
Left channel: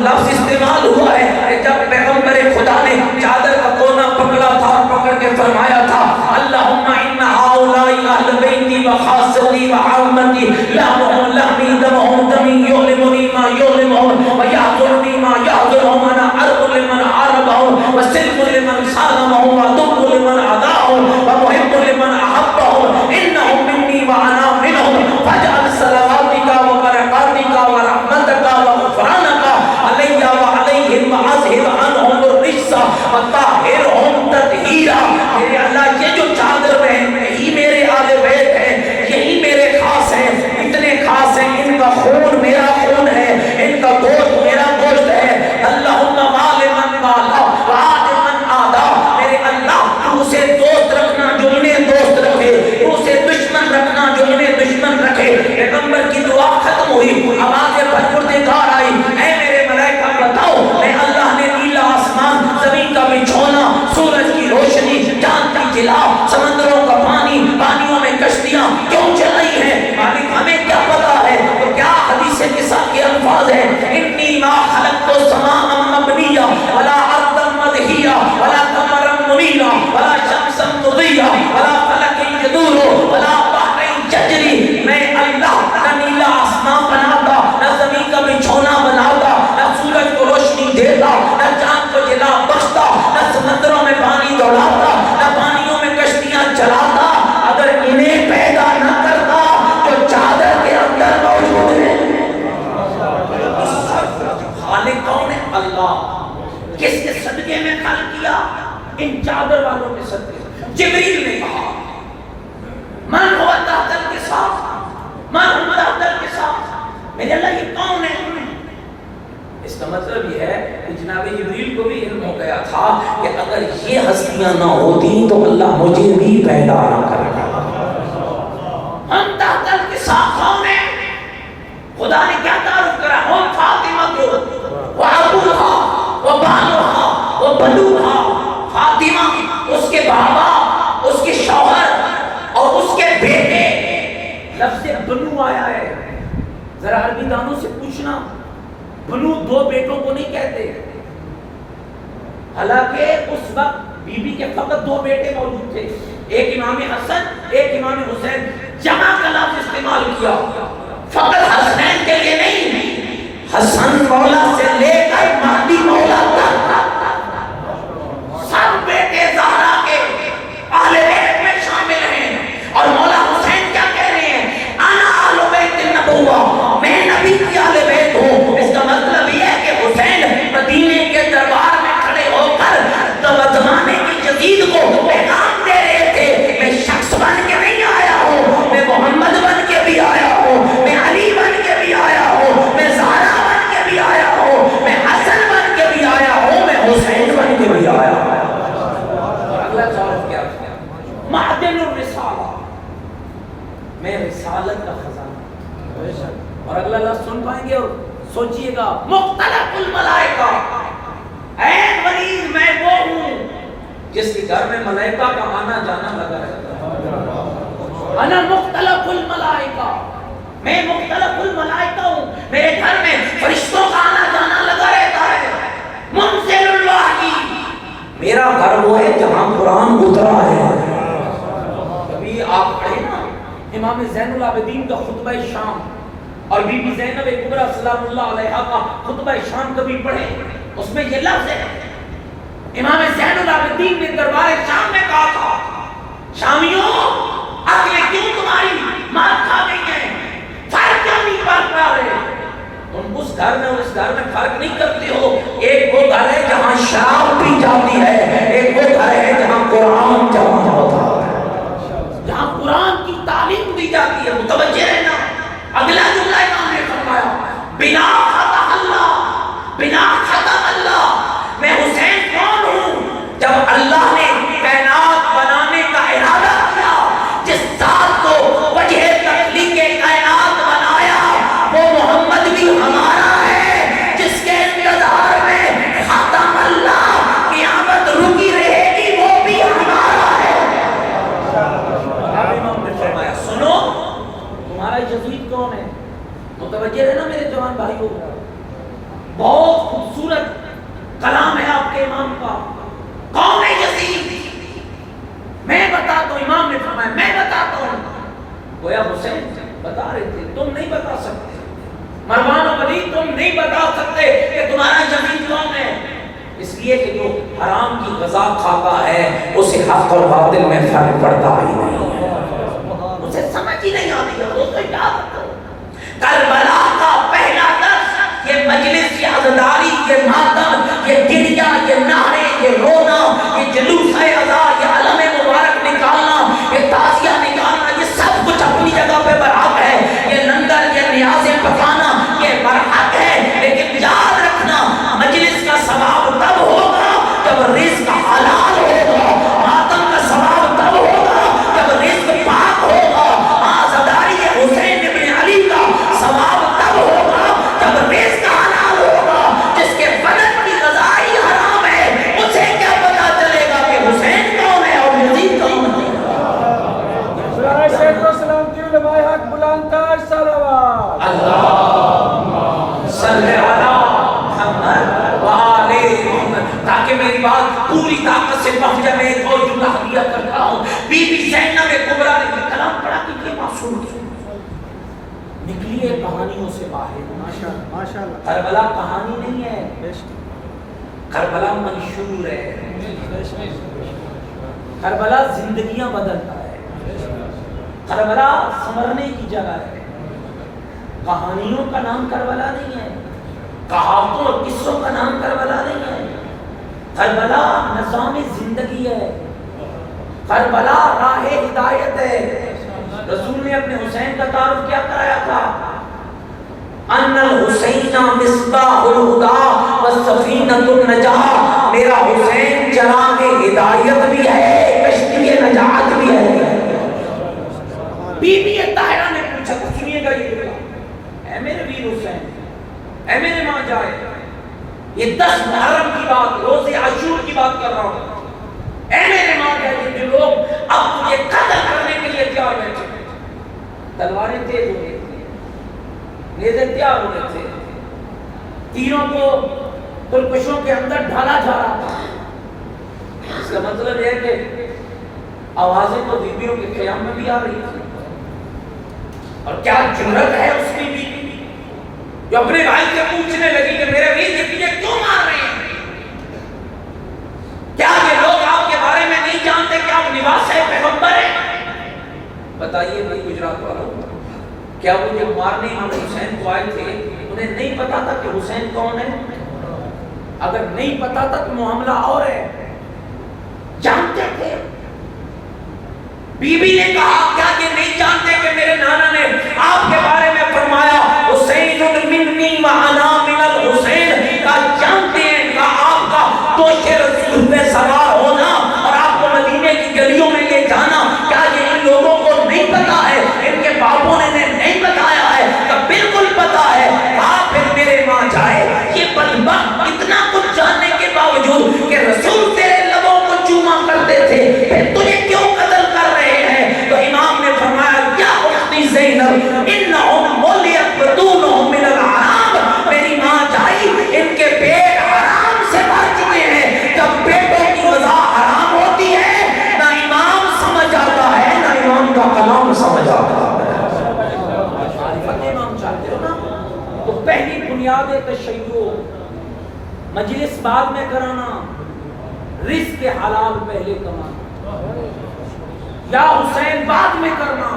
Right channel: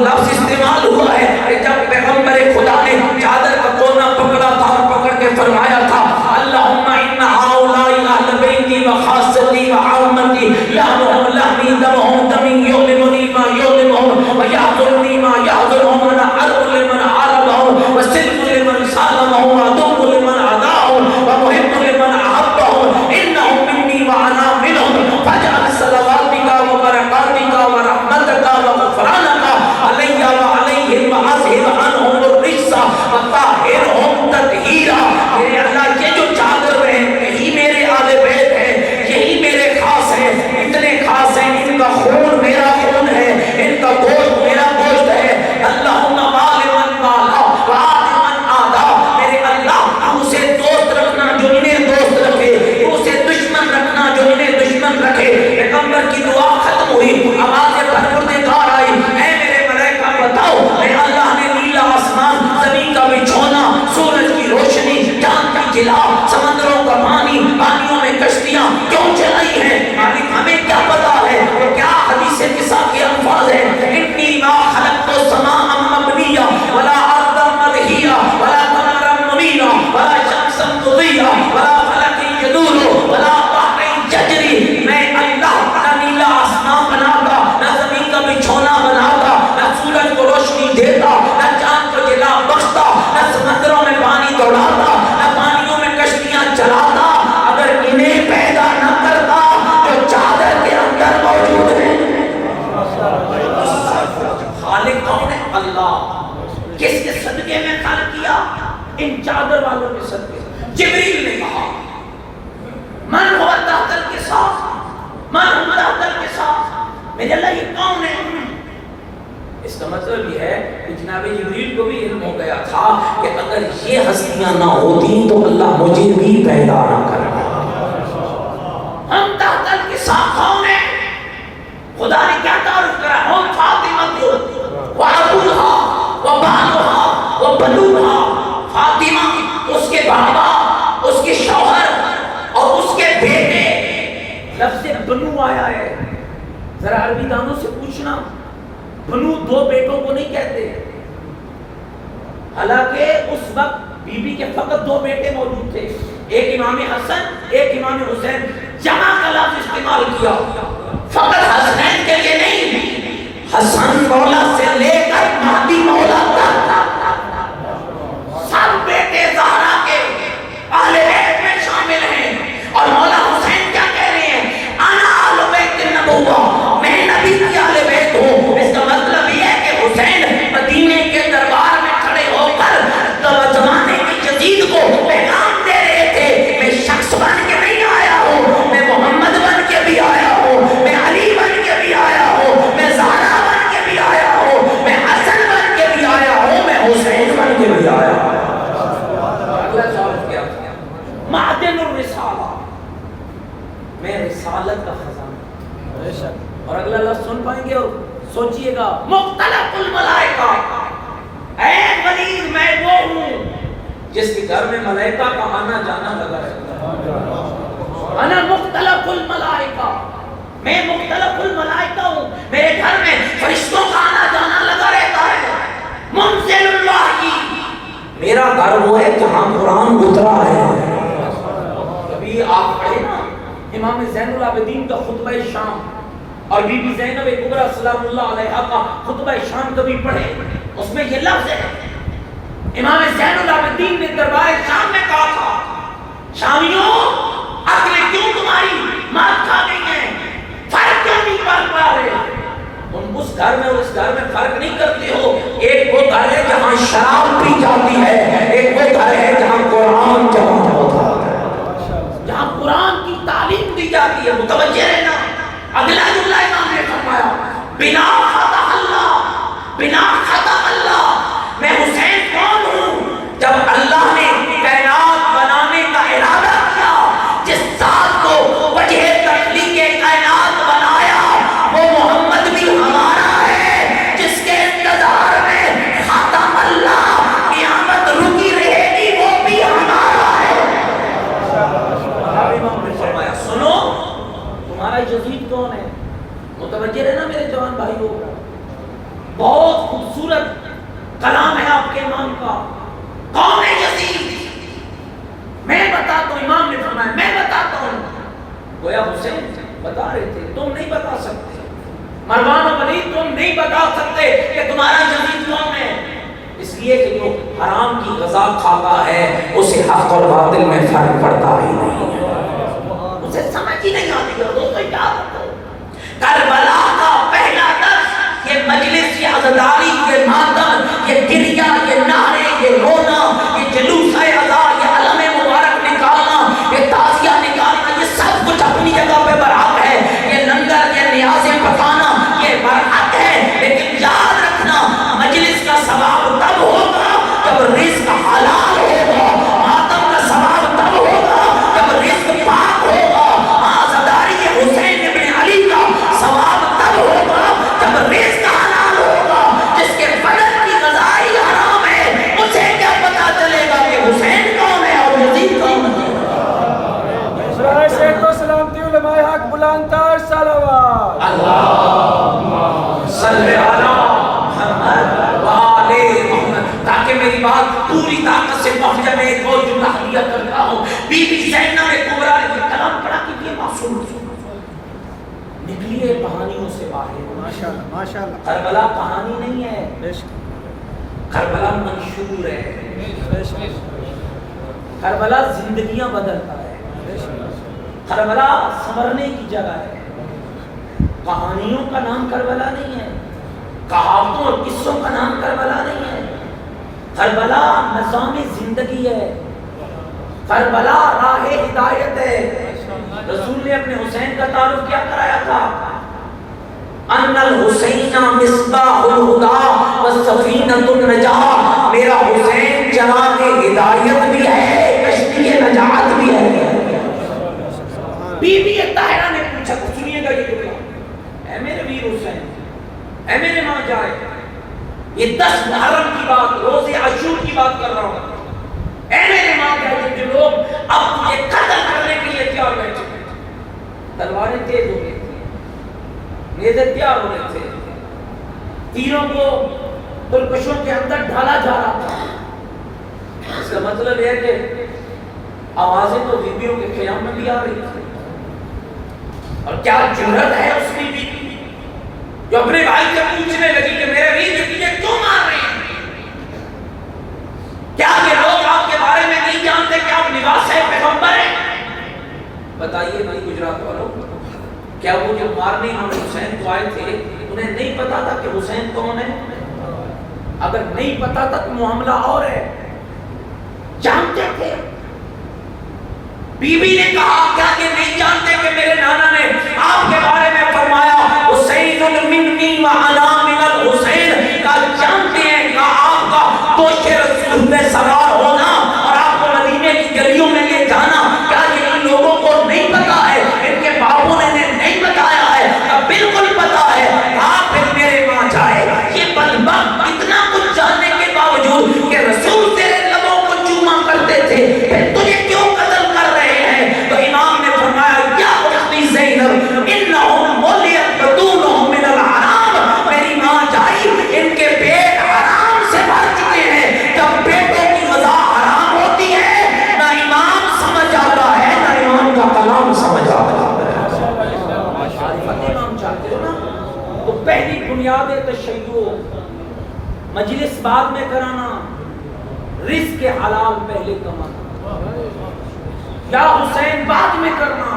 لفظ استعمال ہوا ہے جب پیغمبر خدا نے چادر کا کونا پکڑا تھا اور پکڑ کے فرمایا تھا اللہم ان ہؤلاء اہل بیتی و خاصتی و عامتی لہمہم لہمی دمہم دمی یعلمنی ما یعلمہم و یحضرنی ما یحضرہم انا عرب لمن عربہم و صدق لمن صالمہم و دب لمن عداہم و محب لمن احبہم انہم منی و انا منہم فاجعل صلواتک و برکاتک و رحمتک و غفرانک علی و علیہم واذہب عنہم الرجس وطہرہم تطہیرا میرے اللہ یہ جو چادر ہے یہی میرے آل بیت ہے یہی میرے خاص ہیں اتنے خاص ہیں ان کا خون میرا خون ہے ان کا گوشت میرا گوشت ہے اللہم وال من والا وعاد من آدا میرے اللہ تو اسے دوست رکھنا جو انہیں دوست رکھے تو اسے دشمن رکھنا جو انہیں دشمن رکھے پیغمبر کی دعا ختم ہوئی آواز پروردگار آئی اے میرے ملائکہ بتاؤ میں اللہ نے نیلا آسمان زمین کا بچھونا سورج کی روشنی چاند کی جلا سمندروں کا پانی پانیوں میں کشتیاں کیوں چلائی ہیں مالک ہمیں کیا پتا ہے تو کیا حدیث قصہ کے الفاظ ہیں انی ما خلقت السماء مبنیہ ولا ارضا مدحیہ ولا قمرا منیرا ولا شمسا مضیہ ولا فلک یدور ولا بحر یجری میں اللہ نہ نیلا آسمان بناتا نہ زمین کا بچھونا بناتا نہ سورج کو روشنی دیتا نہ چاند کو جلا بخشتا نہ سمندروں میں پانی دوڑاتا نہ پانیوں میں کشتیاں چلاتا اگر انہیں پیدا نہ کرتا جو چادر کے اندر موجود ہیں خالق کون ہے اللہ کس کے صدقے میں خلق کیا ان چادر والوں کے صدقے جبریل نے کہا من ہوا تحت الکساء من ہوا تحت الکساء میرے اللہ یہ کون ہے اس کا مطلب یہ ہے کہ جناب جبریل کو بھی علم ہو گیا تھا کہ اگر یہ ہستیاں نہ ہوتی تو اللہ مجھے بھی پیدا نہ کرتا ہم تحت الکساء کون ہیں خدا نے کیا تعارف کرا ہم فاطمہ کو وعبدها وبالها وبنوها فاطمہ اس کے بابا اس کے شوہر اور اس کے بیٹے لفظ بنو آیا ہے ذرا عربی دانوں سے پوچھنا بنو دو بیٹوں کو نہیں کہتے حالانکہ اس وقت بی بی کے فقط دو بیٹے موجود تھے ایک امام حسن ایک امام حسین جمع کا لفظ استعمال کیا فقط حسنین کے لیے نہیں حسن مولا سے لے کر مہدی مولا تک سب بیٹے زہرا کے اہل بیت میں شامل ہیں اور مولا حسین کیا کہہ رہے ہیں انا اہل بیت النبوہ میں نبی کی اہل بیت ہوں اس کا مطلب یہ ہے کہ حسین مدینے کے دربار میں کھڑے ہو کر زمانے کی جدید کو پیغام دے رہے تھے میں شخص بن کے نہیں آیا ہوں میں محمد بن کے بھی آیا ہوں میں علی بن کے بھی آیا ہوں میں زہرا بن کے بھی آیا ہوں میں حسن بن کے بھی آیا ہوں میں حسین بن کے بھی آیا ہوں اللہ تعالیٰ کیا معدن الرسالہ میں رسالت کا خزانہ اور اگلا لفظ سن پائیں گے اور سوچئے گا مختلف الملائکہ اے غنیر میں وہ ہوں جس کے گھر میں ملائکہ کا آنا جانا لگا رہتا ہے انا مختلف الملائکہ میں مختلف الملائکہ ہوں میرے گھر میں فرشتوں کا آنا جانا لگا رہتا ہے منزل الوحی میرا گھر وہ ہے جہاں قرآن اترا ہے کبھی آپ پڑھیں نا امام زین العابدین کا خطبہ شام اور بی بی زینب کبریٰ سلام اللہ علیہا کا خطبہ شان کبھی پڑھے، اس میں یہ لفظ ہے، امام زین العابدین نے دربار شام میں کہا تھا، شامیوں عقلیں کیوں تمہاری مار کھا گئی ہیں، فرق کیوں نہیں پڑھ پا رہے؟ تم اس گھر میں اور اس گھر میں فرق نہیں کرتے ہو، ایک وہ گھر ہے جہاں شراب پی جاتی ہے، ایک وہ گھر ہے جہاں قرآن جمع ہوتا ہے، جہاں قرآن کی تعلیم دی جاتی ہے۔ متوجہ رہنا، اگلا جملہ امام نے فرمایا، بنا خطا اللہ، بنا خطا اللہ، میں حسین کون ہوں؟ جب اللہ نے کائنات بنانے کا ارادہ کیا، جس ذات کو وجہ تخلیق کائنات بنایا وہ محمد بھی ہمارا ہے، جس کے انتظار میں خاتم اللہ قیامت رکی رہے گی، وہ بھی ہمارا ہے۔ اب امام نے فرمایا سنو، تمہارا یزید کون ہے؟ متوجہ رہنا میرے جوان بھائیو، بہت خوبصورت کلام ہے آپ کے امام کا، کون ہے یزید؟ میں بتاتا ہوں، امام نے فرمایا میں بتاتا ہوں۔ گویا حسین بتا رہے تھے تم نہیں بتا سکتے، مروان و ولید تم نہیں بتا سکتے کہ تمہارا یزید کون ہے، اس لیے کہ جو حرام کی غذا کھاتا ہے اسے حق اور باطل میں فرق پڑتا ہی نہیں ہے، اسے سمجھ ہی نہیں آتی ہے۔ دوستو یاد رکھو، کربلا کا پہلا درس یہ مجلس، یہ عزاداری، یہ ماتم، یہ گریہ، یہ نعرے، یہ رونا، یہ جلوس عزا، یہ علم مبارک نکالنا، یہ تعزیہ نکالنا، یہ سب کچھ اپنی جگہ پہ برحق ہے، یہ لنگر، یہ نیازیں پکانا یہ برحق ہے، لیکن یاد رکھنا مجلس کا ثواب تب ہوگا جب رزق حلال ہوگا، ماتم کا ثواب تب ہوگا جب رزق پاک ہوگا، عزاداری حسین ابن علی کا ثواب تب ہوگا جب رزق حلال ہوگا۔ جس کے بدن کی غذائی حرام ہے اسے کیا پتا چلے گا کہ حسین کون ہے اور یزید کون ہے؟ اللہم صلی علی محمد وآل محمد، تاکہ میری بات پوری طاقت سے پہنچ جائے۔ میں ایک اور جملہ ہدیہ کرتا ہوں، بی بی زینب کبریٰ نے یہ کلام پڑھا کہ یہ معصوم نکلی ہے کہانیوں سے باہر۔ کربلا کہانی نہیں ہے، کربلا منشور ہے، کربلا زندگیاں بدلتا ہے، کربلا سنورنے کی جگہ ہے۔ کہانیوں کا نام کربلا نہیں ہے، کہاوتوں اور قصوں کا نام کربلا نہیں ہے، کربلا نظام زندگی ہے، کربلا راہ ہدایت ہے۔ رسول نے اپنے حسین کا تعارف کیا کرایا تھا؟ ان الحسین مصباح الہدی والسفینۃ النجاۃ، میرا حسین چراغ ہدایت بھی ہے، کشتی نجات بھی ہے۔ بی بی طاہرہ نے پوچھا، سنیے گا یہ جملہ، اے میرے ویر حسین، اے میرے ماں جائے، یہ 10 محرم کی بات، روز عاشور کی بات کر رہا ہوں، اے میرے ماں جائے، جو لوگ اب تجھے قتل کرنے کے لیے تیار بیٹھے، تلواریں تیز ہو رہی تھی، نیزے تیار ہو رہے تھے، تیروں کو ترکشوں کے اندر ڈھالا جا رہا تھا۔ اس کا مطلب یہ ہے کہ آوازیں تو بیویوں کے قیام میں بھی آ رہی تھی، اور کیا جرت ہے اس کی بیوی جو اپنے بھائی سے پوچھنے لگی کہ میرے ویر تجھے کیوں مار رہے ہیں؟ کیا یہ لوگ آپ کے بارے میں نہیں جانتے کہ آپ نواس پیغمبر ہیں؟ بتائیے بھائی گجرات والوں، کیا وہ جو مارنے امام حسین کو آئے تھے انہیں نہیں پتا تھا کہ حسین کون ہے؟ اگر نہیں پتا تھا تو معاملہ اور ہے، جانتے تھے۔ بی بی نے کہا کیا کہ نہیں جانتے کہ میرے نانا نے آپ کے بارے میں فرمایا حسین منی وانا من الحسین، کا جانتے ہیں کہ آپ کا دوش رسول میں سوار ہونا اور آپ کو مدینے کی گلیوں میں یہ جانا، کیا یہ ان لوگوں کو نہیں پتا ہے؟ ان کے باپوں نے نہیں بتایا ہے؟ تو بالکل پتا ہے۔ آپ پھر میرے ماں جائے، یہ بدبخت اتنا کچھ جاننے کے باوجود کہ رسول تیرے لبوں کو چوما کرتے تھے، پھر تجھے کیوں قتل کر رہے ہیں؟ تو امام نے فرمایا یا اختی زینب انہم مولیت بدونہم من العرام، میری ماں جائے بھائیو، مجلس بعد میں کرانا، رزق کے حلال پہلے کمانا، یا حسین بعد میں کرنا،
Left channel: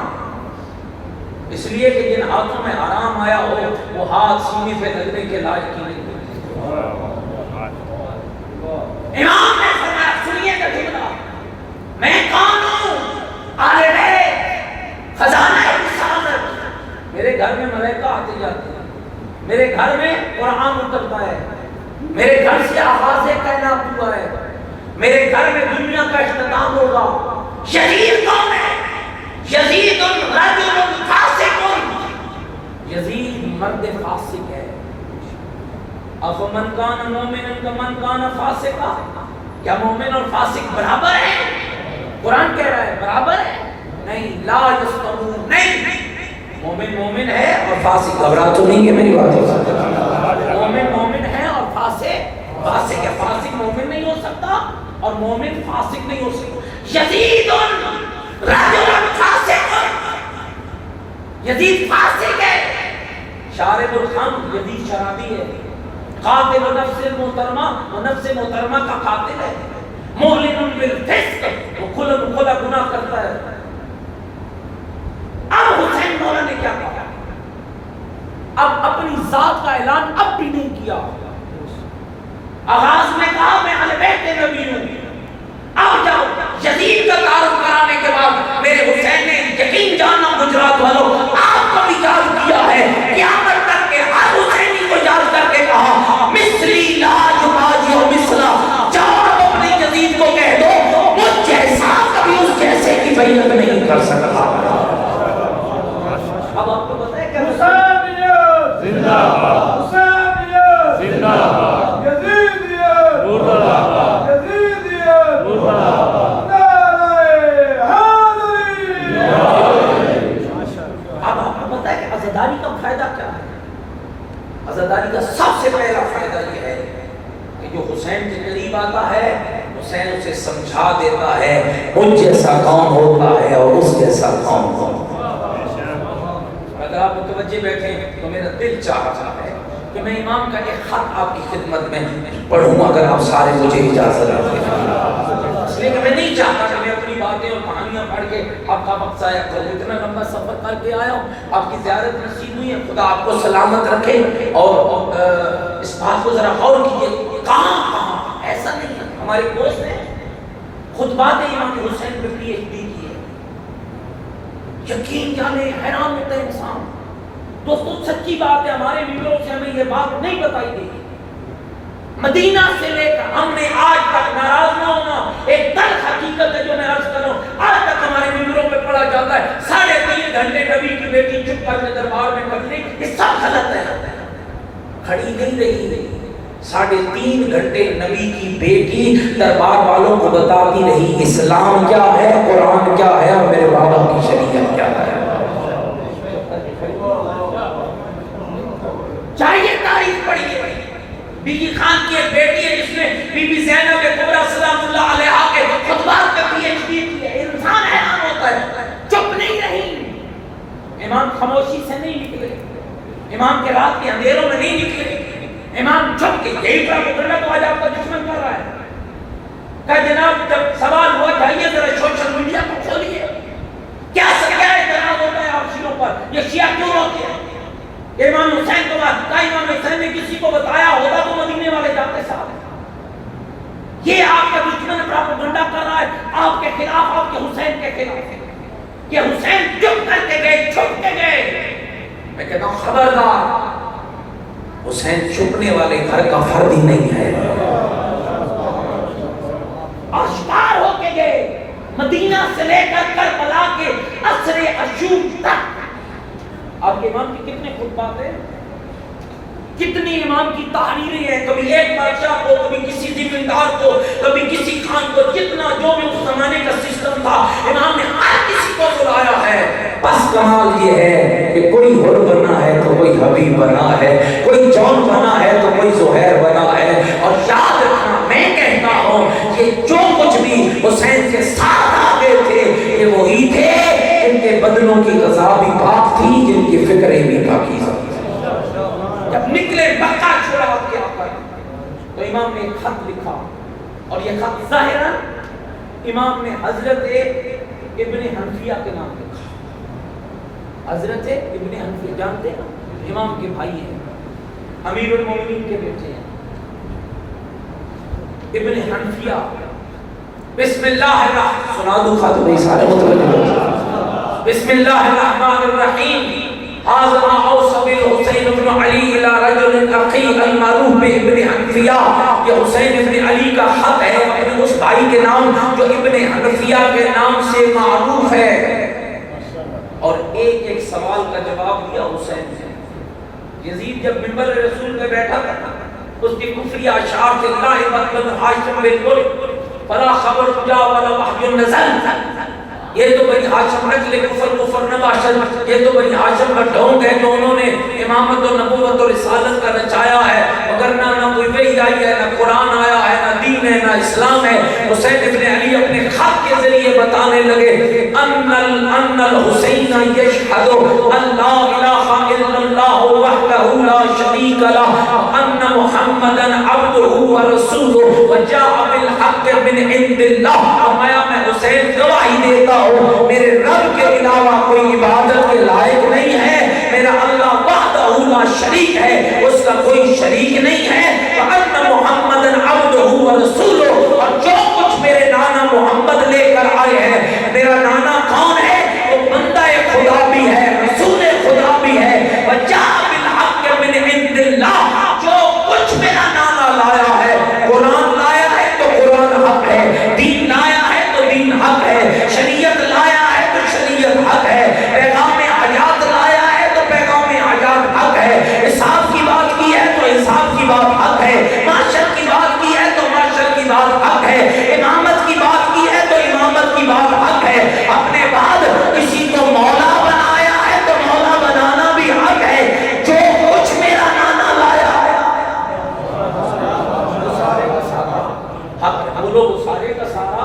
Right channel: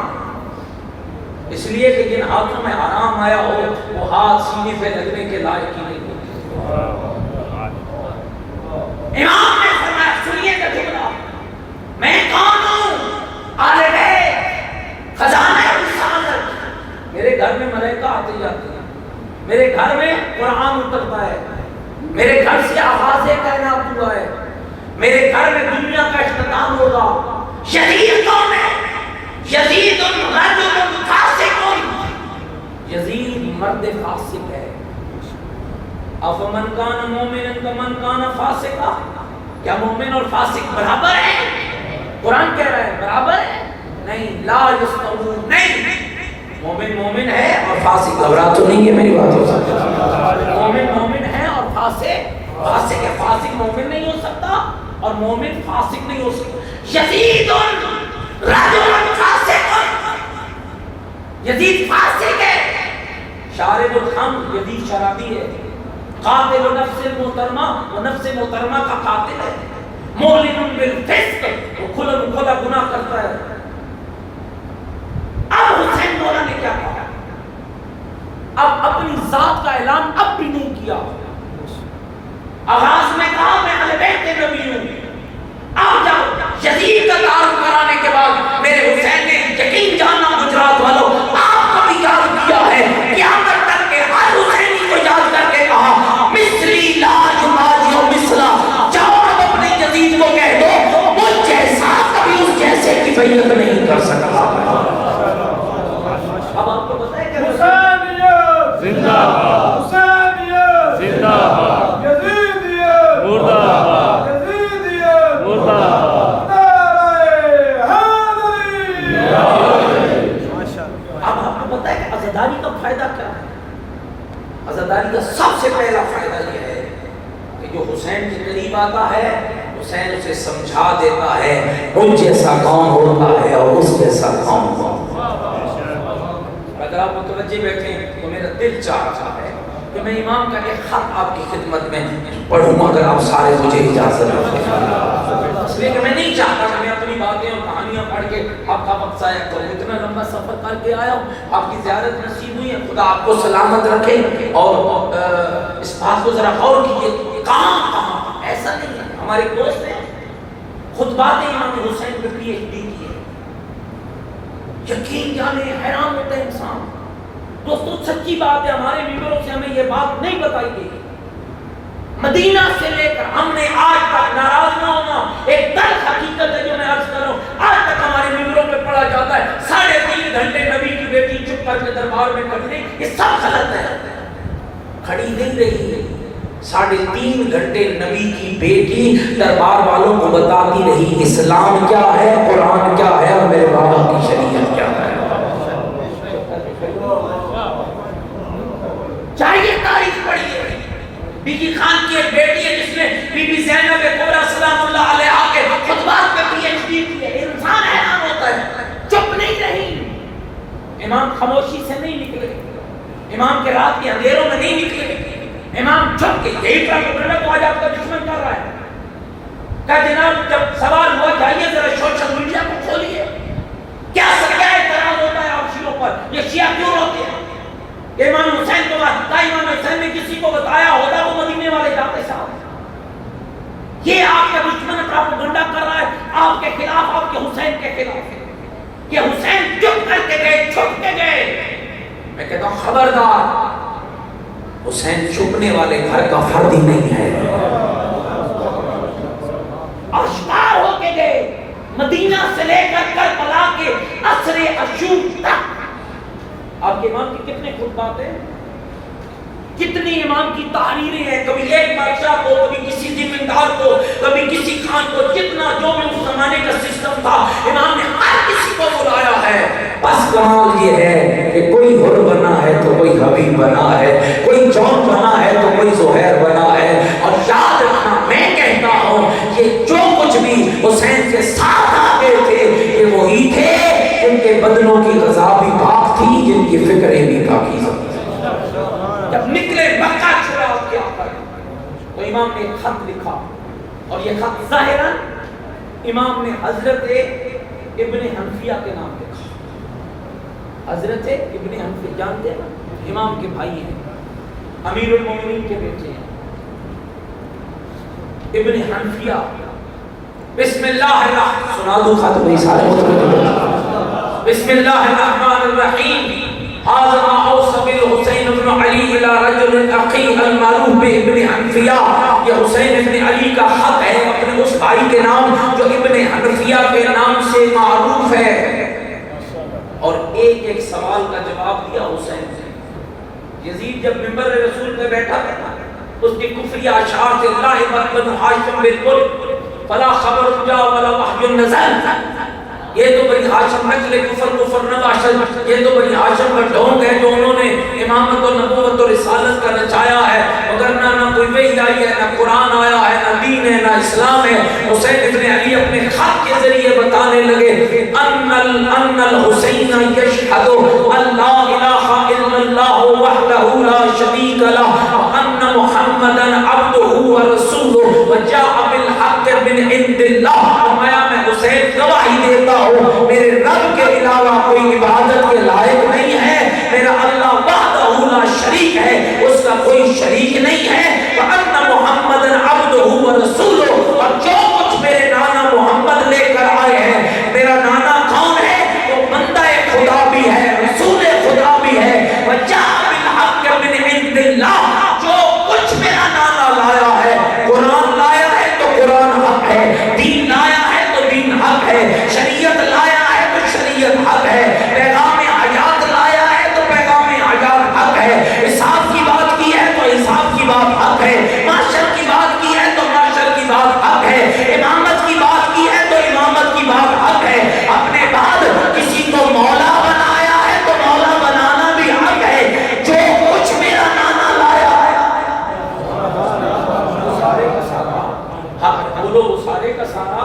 اس لیے کہ جن ہاتھوں میں حرام آیا ہو وہ ہاتھ سینے پہ لگنے کے لائق ہی نہیں ہوتے۔ امام نے فرمایا، سنیے گا جملہ، میں کون ہوں؟ آل بیت، خزانہ رسالت، میرے گھر میں ملائکہ آتے جاتے ہیں، میرے گھر میں قرآن اترتا ہے، میرے گھر سے آغاز کائنات ہوا ہے، میرے گھر میں دنیا کا اختتام ہوگا۔ یزید کون ہے؟ یزید رجل فاسق، یزید مرد فاسق ہے۔ افمن کان مومنا کمن کان فاسقا، کیا مومن اور فاسق برابر ہیں؟ قرآن کہہ رہا ہے برابر ہے؟ نہیں، لا یستوون، نہیں، مومن مومن ہے اور فاسق، گھبرا تو نہیں ہے میری بات ہو؟ مومن مومن ہے اور فاسق فاسق ہے۔ فاسق مومن نہیں ہو سکتا اور مومن فاسق نہیں ہو سکتا۔ یزید رجل فاسق، یزید فاسق ہے، شارب الخمر، یزید شرابی ہے، قاتل نفس محترمہ، وہ نفس محترمہ کا قاتل ہے، معلن بالفسق، وہ کھلا گناہ کرتا ہے۔ اب حسین مولا نے کیا کہا؟ اب اپنی ذات کا اعلان اب بھی نہیں کیا، آغاز میں کہا میں اہل بیت نبی ہوں، اب جاؤ یزید کا تعارف کرانے کے بعد میرے حسین نے یقین جاننا گجرات والوں، آپ کو بھی یاد کیا ہے، قیامت تک کے ہر حسینی کو یاد کر کے کہا مثلی لا یماجی مثلا، جاؤ اب اپنے یزید کو کہہ دو مجھ جیسا کبھی اس جیسے کی بیعت نہیں کر سکتا۔ اب آپ کو پتہ ہے کیا حسینیت زندہ باد، حسینیت زندہ باد، یزیدیت مردہ باد، یزیدیت مردہ باد، نعرہ حیدری۔ اب آپ کو پتہ ہے کہ عزاداری کا فائدہ کیا ہے؟ عزاداری کا سب سے پہلا فائدہ یہ ہے کہ جو حسین کے قریب آتا ہے حسین اسے سمجھا دیتا ہے ان جیسا کون ہوتا ہے اور اس جیسا کون ہوتا ہے۔ اگر آپ متوجہ بیٹھیں تو میرا دل چاہ رہا ہے کہ میں امام کا ایک خط آپ کی خدمت میں پڑھوں اگر آپ سارے مجھے اجازت دیں۔ اس لیے کہ میں نہیں چاہتا کہ میں اپنی باتیں اور کہانیاں پڑھ کے آپ کا وقت ضائع کروں، اتنا لمبا سفر کر کے آیا ہوں، آپ کی زیارت نصیب ہوئی ہے، خدا آپ کو سلامت رکھے۔ اور اس بات کو ذرا غور کیجیے، کہاں ایسا نہیں ہے، ہمارے دوست ہیں خطبات امام حسین پہ پی ایچ ڈی کی ہے، یقین جانے حیران ہوتا ہے انسان۔ دوستو سچی بات ہے، ہمارے ممبروں سے ہمیں یہ بات نہیں بتائی گئی، مدینہ سے لے کر ہم نے آج تک ناراض نہ ہونا، ایک تلخ حقیقت ہے جو میں عرض کر رہا ہوں، آج تک ہمارے ممبروں پہ پڑھا جاتا ہے 3.5 گھنٹے نبی کی بیٹی چپ کر کے دربار میں کھڑی، یہ سب غلط ہے، کھڑی نہیں رہی، 3.5 گھنٹے نبی کی بیٹی دربار والوں کو بتاتی رہی اسلام کیا ہے، قرآن کیا ہے اور میرے بابا کی شریعت کیا ہے۔ چاہیے تاریخ پڑھیے، بی بی خان کی ایک بیٹی ہے جس نے بی بی زینب کبریٰ سلام اللہ علیہا کے خطبات پہ پی ایچ ڈی کی ہے، انسان حیران ہوتا ہے، چپ نہیں رہی، امام خاموشی سے نہیں نکلے، امام کے رات کے اندھیروں میں نہیں نکلے، امام چھپ کے یہی پروپیگنڈا تو آج آپ کا دشمن کر رہا ہے۔ کہ جناب جب سوال ہوا جائیے ذرا سوشل میڈیا کو کھولیے، کیا اعتراض ہوتا ہے آپ شیعوں پر، یہ شیعہ کیوں روتے ہیں؟ امام حسین کو بات کا امام حسین نے کسی کو بتایا ہوتا تو مدینے والے جاتے صاحب۔ یہ آپ کا دشمن پروپیگنڈا کر رہا ہے آپ کے خلاف، آپ کے حسین کے خلاف، کہ حسین چپ کر کے گئے، چھپ کے گئے۔ میں کہتا ہوں خبردار، حسین چھپنے والے گھر کا فرد ہی نہیں ہے، آشکار ہو کے گئے، مدینہ سے لے کر کربلا کے عصر اشور تک۔ آپ کے امام کی کتنے خطبات ہیں، کتنی امام کی تحریریں ہیں، کبھی ایک بادشاہ کو، کبھی کسی زمیندار کو، کبھی کسی خان کو، جتنا جو بھی اس زمانے کا سسٹم تھا امام نے ہر کسی کو بلایا ہے۔ بس کمال یہ ہے کہ کوئی حر بنا ہے تو کوئی حبیب بنا ہے، کوئی جون بنا ہے تو کوئی زہیر بنا ہے۔ اور یاد رکھنا، میں کہتا ہوں کہ جو کچھ بھی حسین کے ساتھ آتے تھے یہ وہی تھے جن کے بدنوں کی غذا بھی پاک تھی، جن کی فکریں بھی پاکیزہ تھیں۔ جب نکلے مکہ چھڑا کے آ کر تو امام نے ایک خط لکھا اور یہ خط ظاہراً امام نے حضرت ابن حنفیہ کے نام لکھا. حضرت ابن حنفیہ جانتے ہیں امام کے بھائی ہیں, امیر المومنین کے بیٹے ہیں ابن حنفیہ. بسم اللہ الرحمن سنا دو خط بھائی سارے متوجہ ہو. بسم اللہ الرحمن الرحیم. هذا ما اوصى الحسين بن علي الى رجل اخي المعروف بابن حنفیہ. یہ حسین ابن علی کا خط ہے اپنے اس بھائی کے نام جو ابن حنفیہ کے نام سے معروف ہے. اور ایک ایک سوال کا جواب دیا حسین نے. یزید جب منبر رسول میں بیٹھا تھا اس کی کفری اشعار تھے لا بن ہاشم بالملک فلا خبر جا ولا وحی نزل. یہ تو بنی ہاشم نسل کفر نہ باشد, یہ تو بنی ہاشم کا ڈھونگ ہے جو انہوں نے امامت و نبوت اور رسالت کا نچایا ہے, مگر نہ کوئی وحی آئی ہے, نہ قرآن آیا ہے, نہ دین ہے, نہ اسلام ہے. حسین ابن علی اپنے خط کے ذریعے بتانے لگے ان الحسین یشہد ان لا الہ الا اللہ وحدہ لا شریک لہ وان محمدا عبدہ ورسولہ وجاء بالحق من عند اللہ. فرمایا میں حسین گواہی دیتا ہوں میرے رب کے علاوہ کوئی عبادت کے لائق نہیں ہے, میرا اللہ وحدہ لا شریک ہے, اس کا کوئی شریک نہیں ہے. وَأَنَّ مُحَمَّدًا عَبْدُهُ وَرَسُولُهُ, اور جو کچھ میرے نانا محمد لے کر آئے ہیں, میرا نانا کون ہے؟ وہ بندہ خدا بھی ہے, رسول خدا بھی ہے. وَجَاءَ بِالْحَقِّ مِنْ عِنْدِ اللَّهِ, جو کچھ میرا نانا لایا ہے, قرآن لایا ہے تو قرآن حق ہے, دین لایا ہے تو دین حق ہے, شریعت لایا ہے تو شریعت حق ہے, پیغام حیات لایا ہے تو پیغام حیات حق ہے, حساب کی بات کی ہے تو حساب کی بات حق ہے, معاشر کی بات کی ہے تو معاشر کی بات حق ہے, امامت کی بات کی ہے تو امامت کی بات حق ہے. اپنے بعد کسی کو مولا بنایا ہے تو مولا بنانا بھی حق ہے. جو کچھ میرا نانا لایا ہے سارے کا سارا حق ہے. بولو وہ سارے کا سارا,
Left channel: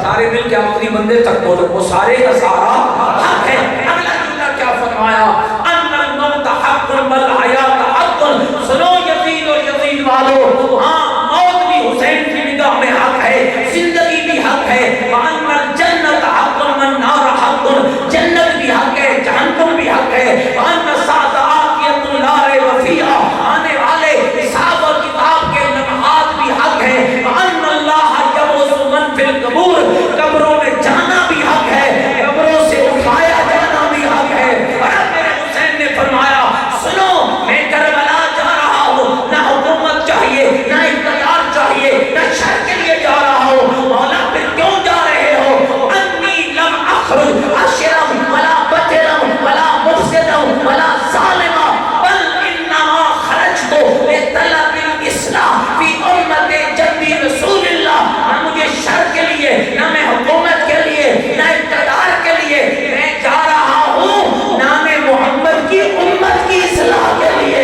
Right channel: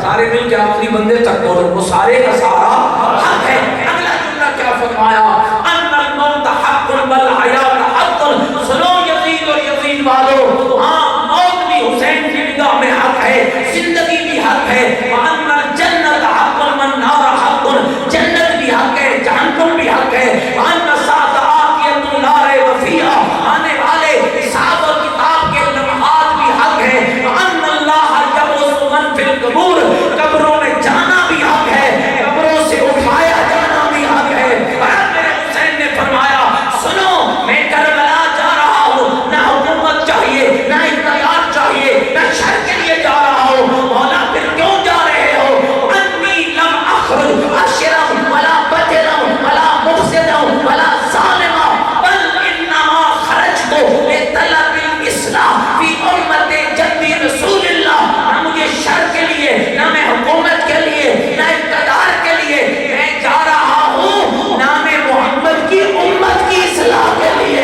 سارے مل کے آخری بندے تک بولو وہ سارے کا سارا حق ہے. اگلا جملہ کیا فرمایا؟ ان الموت حق والحیات حق. سنو یزید اور یزید والو, ہاں موت بھی حسین کی نگاہ میں حق ہے, زندگی بھی حق ہے. وان الجنت حق والنار حق, جنت بھی حق ہے, جہنم بھی حق ہے. وان الساعۃ آتیۃ لا ریب فیہا, آنے والے حساب اور کتاب کے لمحات بھی حق ہے. وان اللہ یبعث من فی القبور, قبروں میں جانا بھی حق ہے, قبروں سے اٹھایا جانا بھی حق ہے. اور میرے حسین نے فرمایا سنو میں کربلا جا رہا ہوں, نہ حکومت چاہیے, نہ اقتدار چاہیے, نہ شر کے لیے جا رہا ہوں. مولا پھر کیوں جا رہے ہو؟ انی لم اخرج اشرم ولا بطرم ولا مفسدم ولا ظالما بل انما خرجت لطلب الاصلاح فی امت جدی رسول اللہ. نہ مجھے شر کے لیے, نہ میں حکومت کے لیے, نہ اقتدار کے لیے, میں جا رہا ہوں نام محمد کی امت کی اصلاح کے لیے,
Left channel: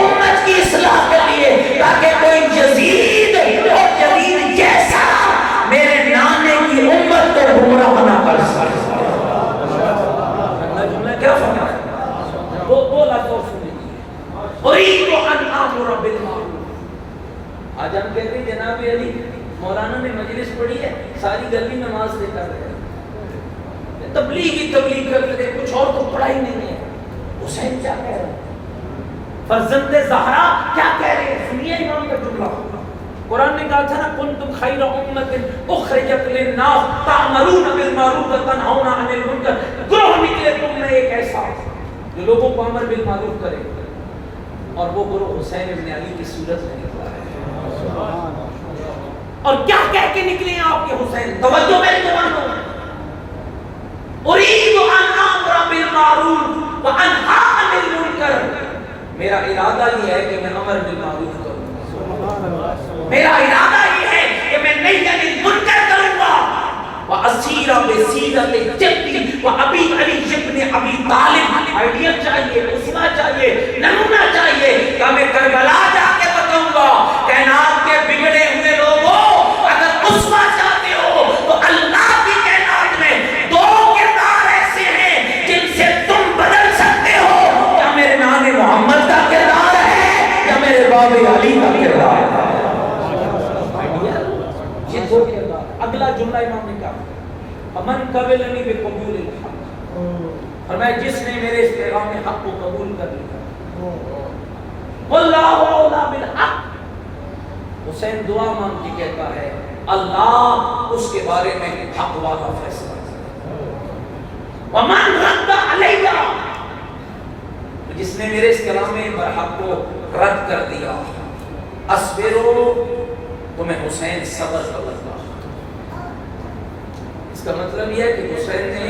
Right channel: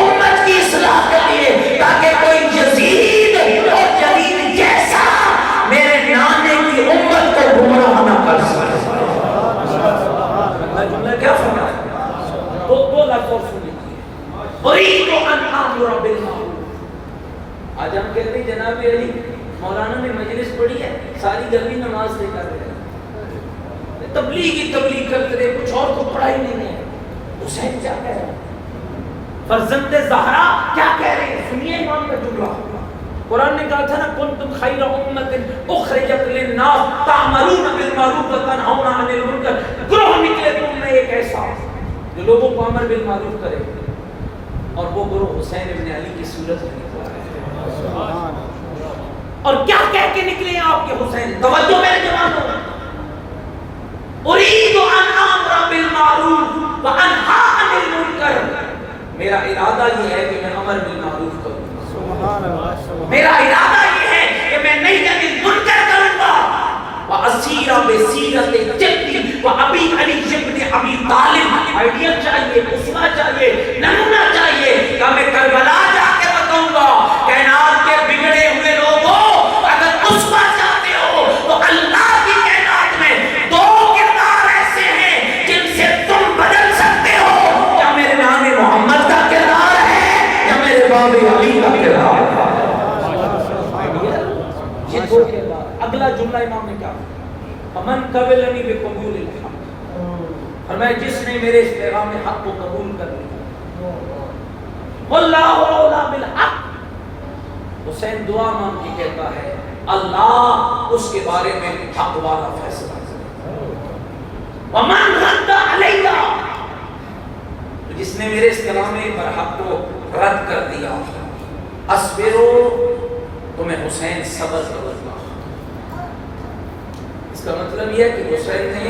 امت کی اصلاح کے لیے, تاکہ کوئی یزید اور جدید جیسا میرے نانے کی امت کو گمراہ نہ کر سکے. اللہ جملہ کیا فرمایا؟ دو لفظ اور سن لیجیے. اريد ان امر بالمعروف. آج ہم کہتے ہیں جناب علی مولانا نے مجلس پڑھی ہے, ساری گلی نماز سے کر رہے ہیں, تبلیغ کرتے رہے, کچھ اور تو پڑھا ہی نہیں ہے. حسین کیا کہہ رہا ہے, فرزند زہرا کیا کہہ رہے ہیں, سنیے امام کا جملہ. قرآن نے کہا تھا نا کنتم خیر امت اخرجت للناس تأمرون بالمعروف وتنہون عن المنکر. گروہ نکلے تم میں ایک ایسا جو لوگوں کو امر بالمعروف کرے, اور وہ گروہ حسین ابن علی کی صورت میں نکلا ہے. اور کیا کہہ کے نکلے ہیں آپ کے حسین؟ توجہ میرے جوانوں, اريد ان امر بالمعروف وانہی عن المنکر. میرا ارادہ یہ ہے کہ میں امر بالمعروف کروں, میرا ارادہ یہ ہے کہ میں نہیں انل منکر کروں گا. واسیر بسیرت جدی وابی علی ابن ابی طالب. آئیڈیا چاہیے, اسوہ چاہیے, نمونہ چاہیے کہ میں کربلا جا کے بتاؤں گا کائنات کے بگڑے ہوئے لوگوں, اگر اسوہ چاہتے ہو تو اللہ کی کائنات میں دو کردار ایسے ہیں جن سے تم بدل سکتے ہو. کیا میرے نام محمد کا کردار ہے؟ باب علی کا کردار تھا۔ یہ دو کردار۔ اگلا جملہ امام نے کیا فمن قبلنی بقبول الحق، فرمایا جس نے میرے اس پیغام حق کو قبول کر لیا، واللہ اولا بالحق، حسین دعا مانگ کے کہتا ہے اللہ اس کے بارے میں حق والا فیصلہ کرے۔ ومن رد علیہ، جس نے میرے اس کلام برحق کو رد کر دیا، اصبرو، تو میں حسین صبر کروں گا۔ اس کا مطلب یہ ہے کہ حسین نے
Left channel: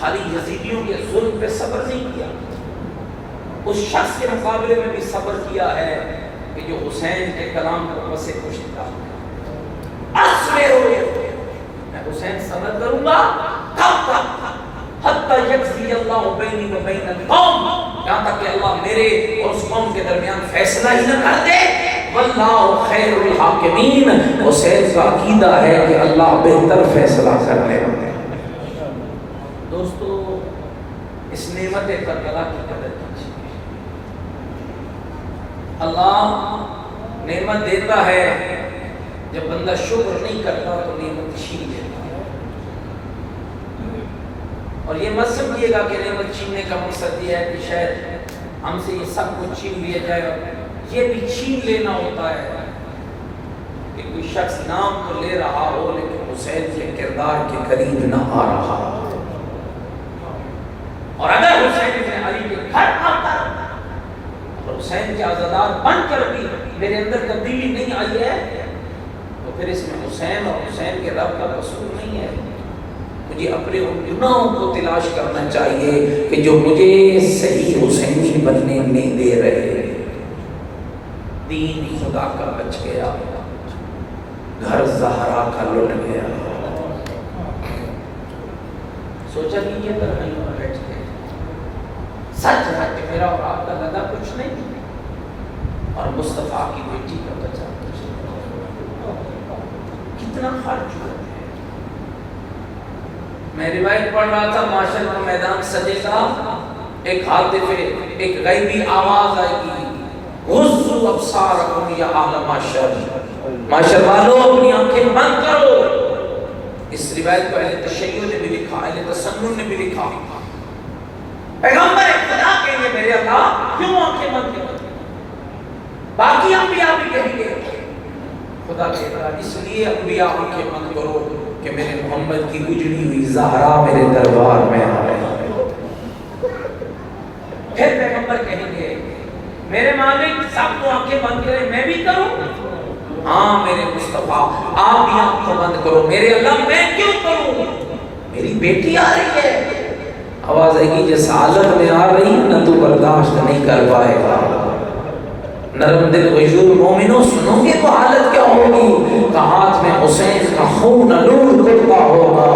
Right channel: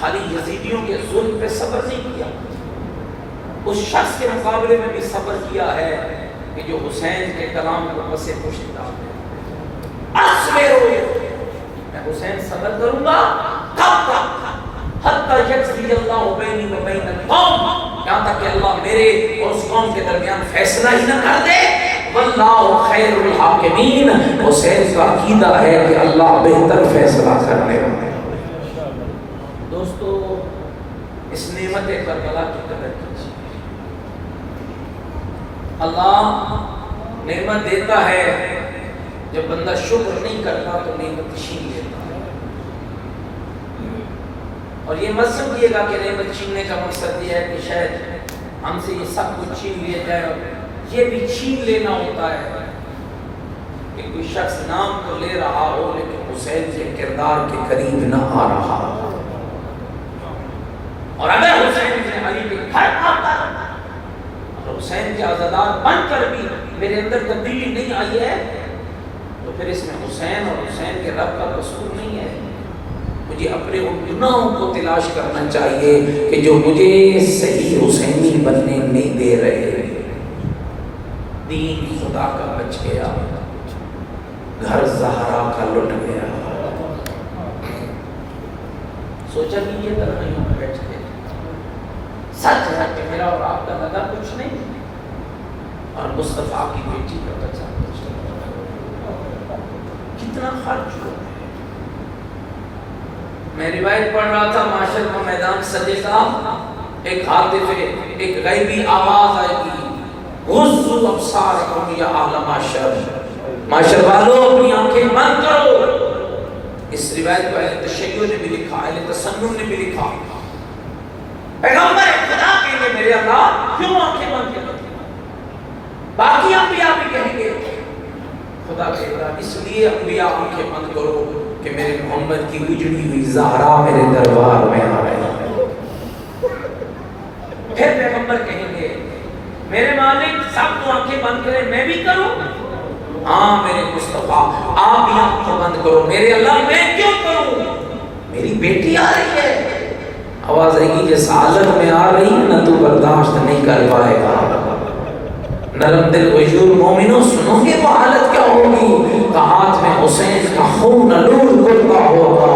خالی یزیدیوں کے ظلم پہ صبر نہیں کیا، اس شخص کے مقابلے میں بھی صبر کیا ہے کہ جو حسین کے کلام کو پسے پشت ڈالتا ہے۔ اصبرو، میں حسین صبر کروں گا کب تک؟ حتی یقضی اللہ بینی و بین القوم، یہاں تک کہ اللہ میرے اور اس قوم کے درمیان فیصلہ ہی نہ کر دے۔ واللہ خیر الحاکمین، حسین کا عقیدہ ہے کہ اللہ بہتر فیصلہ کرنے والا ہے۔ دوستو اس نعمت کربلا کی قدر کیجیے۔ اللہ نعمت دیتا ہے، جب بندہ شکر نہیں کرتا تو نعمت چھین لیتا ہے۔ اور یہ مت سمجھیے گا کہ نعمت چھیننے کا مقصد یہ ہے کہ شاید ہم سے یہ سب کچھ چھین لیا جائے، یہ بھی چھین لینا ہوتا ہے کہ کوئی شخص نام تو لے رہا ہو لیکن حسین کے کردار کے قریب نہ آ رہا ہو۔ اور اگر حسین بن علی کے گھر آ کر اور حسین کے عزادار بن کر بھی میرے اندر تبدیلی نہیں آئی ہے تو پھر اس میں حسین اور حسین کے رب کا قصور نہیں ہے۔ مجھے اپنے ان گناہوں کو تلاش کرنا چاہیے کہ جو مجھے صحیح حسینی بننے نہیں دے رہے۔ دین خدا کا بچ گیا، گھر زہرا کا لٹ گیا۔ سوچا کہ یہ تنہائیوں میں بیٹھ کے سچ ہے کہ میرا اور آپ کا لگا کچھ نہیں، اور مصطفیٰ کی بیٹی کا بچہ کچھ نہیں، کتنا خرچ ہوا ہے۔ میں روایت پڑھ رہا تھا، معاشر کا میدان سجے گا، ایک ہاتف، ایک غیبی آواز آئے گی، غضوا ابصارکم یا اہل معاشر، معاشر والوں اپنی آنکھیں بند کرو۔ اس روایت کو اہل تشیع نے بھی لکھا، اہل تسنن نے بھی لکھا۔ پیغمبر خدا کہیں گے میرے اللہ کیوں آنکھیں بند کرتے؟ باقی انبیاء بھی کہیں گے خدا کہے گا اس لیے انبیاء آنکھیں بند کرو کہ میرے محمد کی اجڑی ہوئی زہرا میرے دربار میں آ رہے ہیں۔ پھر پیغمبر کہیں گے میرے مالک سب تو آنکھیں بند کریں، میں بھی کروں؟ ہاں میرے مصطفیٰ آپ بھی آنکھیں بند کرو۔ میرے اللہ میں کیوں کروں؟ میری بیٹی آ رہی ہے۔ آواز آئے گی جس حالت میں آ رہی ہے نہ تو برداشت نہیں کر پائے گا۔ نرم دل غیور مومنوں سنو گے وہ حالت کیا ہوگی؟ کہ ہاتھ میں حسین کا خون نور کرتا ہوگا،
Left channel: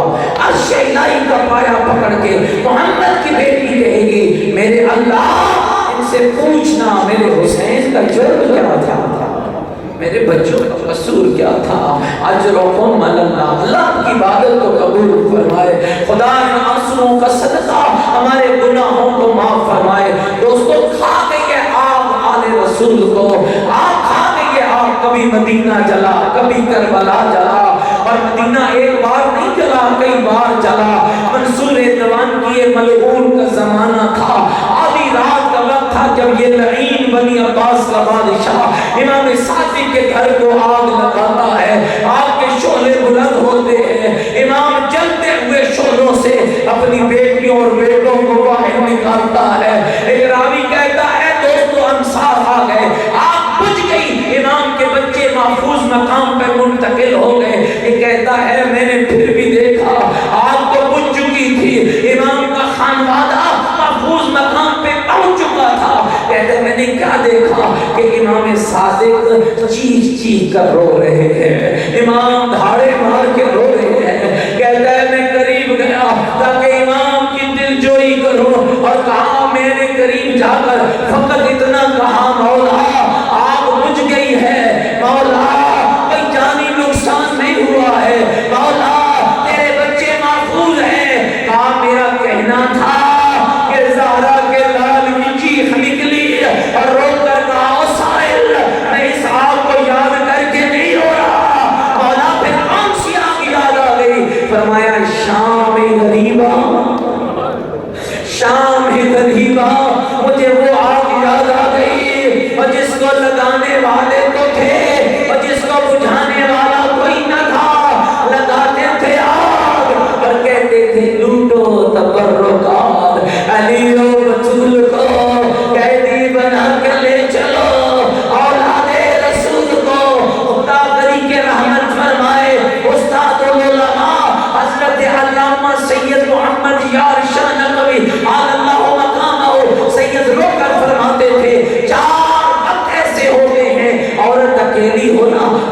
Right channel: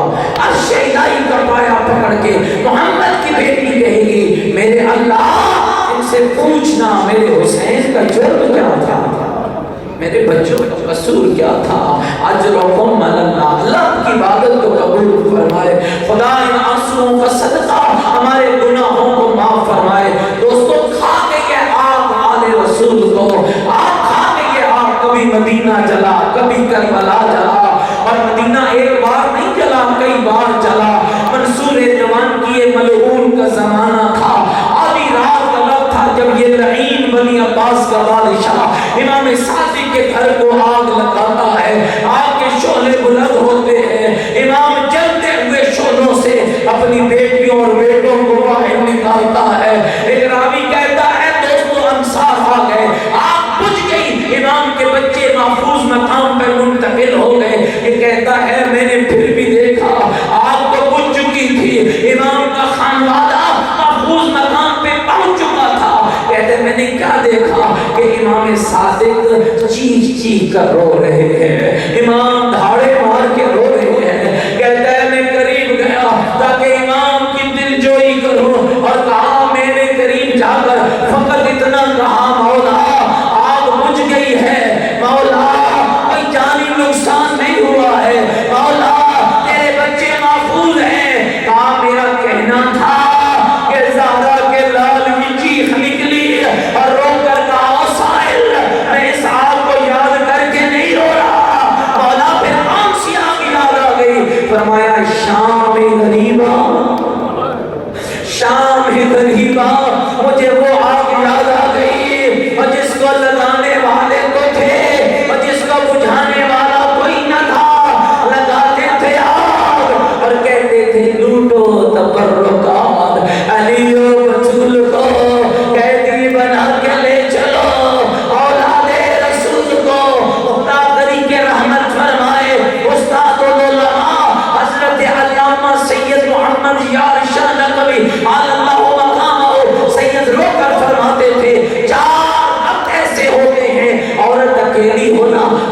عرش الہی کا پایا پکڑ کے محمد کی بیٹی کہے گی میرے اللہ ان سے پوچھنا میرے حسین کا جرم کیا تھا، میرے بچوں کا قصور کیا تھا۔ اجرکم علی اللہ، اللہ کی عبادت کو قبول فرمائے، خدا ان آنسوؤں کا صدقہ ہمارے گناہوں کو معاف فرمائے۔ دوستو کھا کے یہ آگ آل رسول کو، آپ کھا کے یہ آگ، کبھی مدینہ جلا کبھی کربلا جلا، اور مدینہ ایک بار نہیں جلا کئی بار جلا۔ منصور دیوان کی یہ ملعون کا زمانہ تھا، آدھی رات کا وقت تھا جب یہ لعین بنی عباس کا بادشاہ امام صادق کے گھر کو آگ لگاتا ہے، آگ کے شعلے بلند ہوتے ہیں، امام جلتے ہوئے شعلوں سے اپنی بیٹیوں اور بیٹوں کو باہر نکالتا ہے۔ ایک راوی کہتا ہے دوستو انصار آ گئے، آگ بجھ گئی، امام کے بچے محفوظ مقام پہ منتقل ہو گئے۔ یہ کہتا ہے میں نے پھر بھی دیکھا آگ تو بجھ چکی تھی، امام کا خانوادہ محفوظ مقام پہ پہنچ چکا تھا۔ کہتے میں نے کیا دیکھا کہ امام صادق چیخ چیخ کر رو رہے ہیں، امام دھاڑے مار کے رو رہے ہیں۔ کہتا ہے میں قریب گیا تاکہ امام کی دل جوئی کروں، اور کہا میں نے قریب جا کر فقط اتنا کہا مولا آگ بجھ گئی ہے، مولا کوئی جانی نقصان نہیں ہوا ہے، مولا تیرے بچے محفوظ ہیں۔ کہا میرا کہنا تھا کہ زہرا کے لال کی چیخ نکلی اور رو کر کہا سائل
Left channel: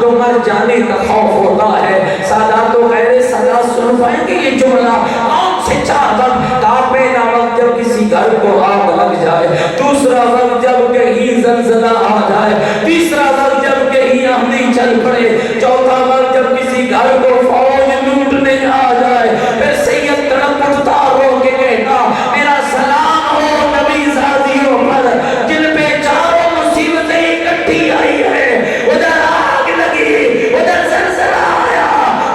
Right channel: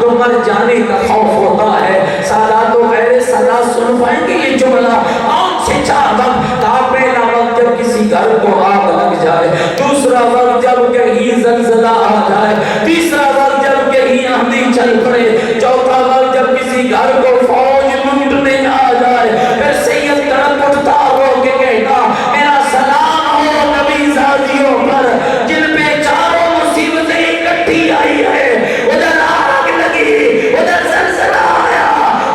تو مر جانے کا خوف ہوتا ہے۔ سادات و غیر سادات سن پائیں گے یہ جملہ؟ کون سے 4 وقت؟ پہلا وقت جب کسی گھر کو آگ لگ جائے، دوسرا وقت جب کہیں زلزلہ آ جائے، تیسرا وقت جب کہیں آندھی چل پڑے، چوتھا وقت جب کسی گھر کو فوج لوٹنے آ جائے۔ پھر سید تڑپ اٹھتا رو کے کہتا میرا سلام ہو نبی زادیوں پر جن پہ چاروں مصیبتیں اکٹھی آئی ہے۔ ادھر آگ لگی، ادھر زلزلہ آیا،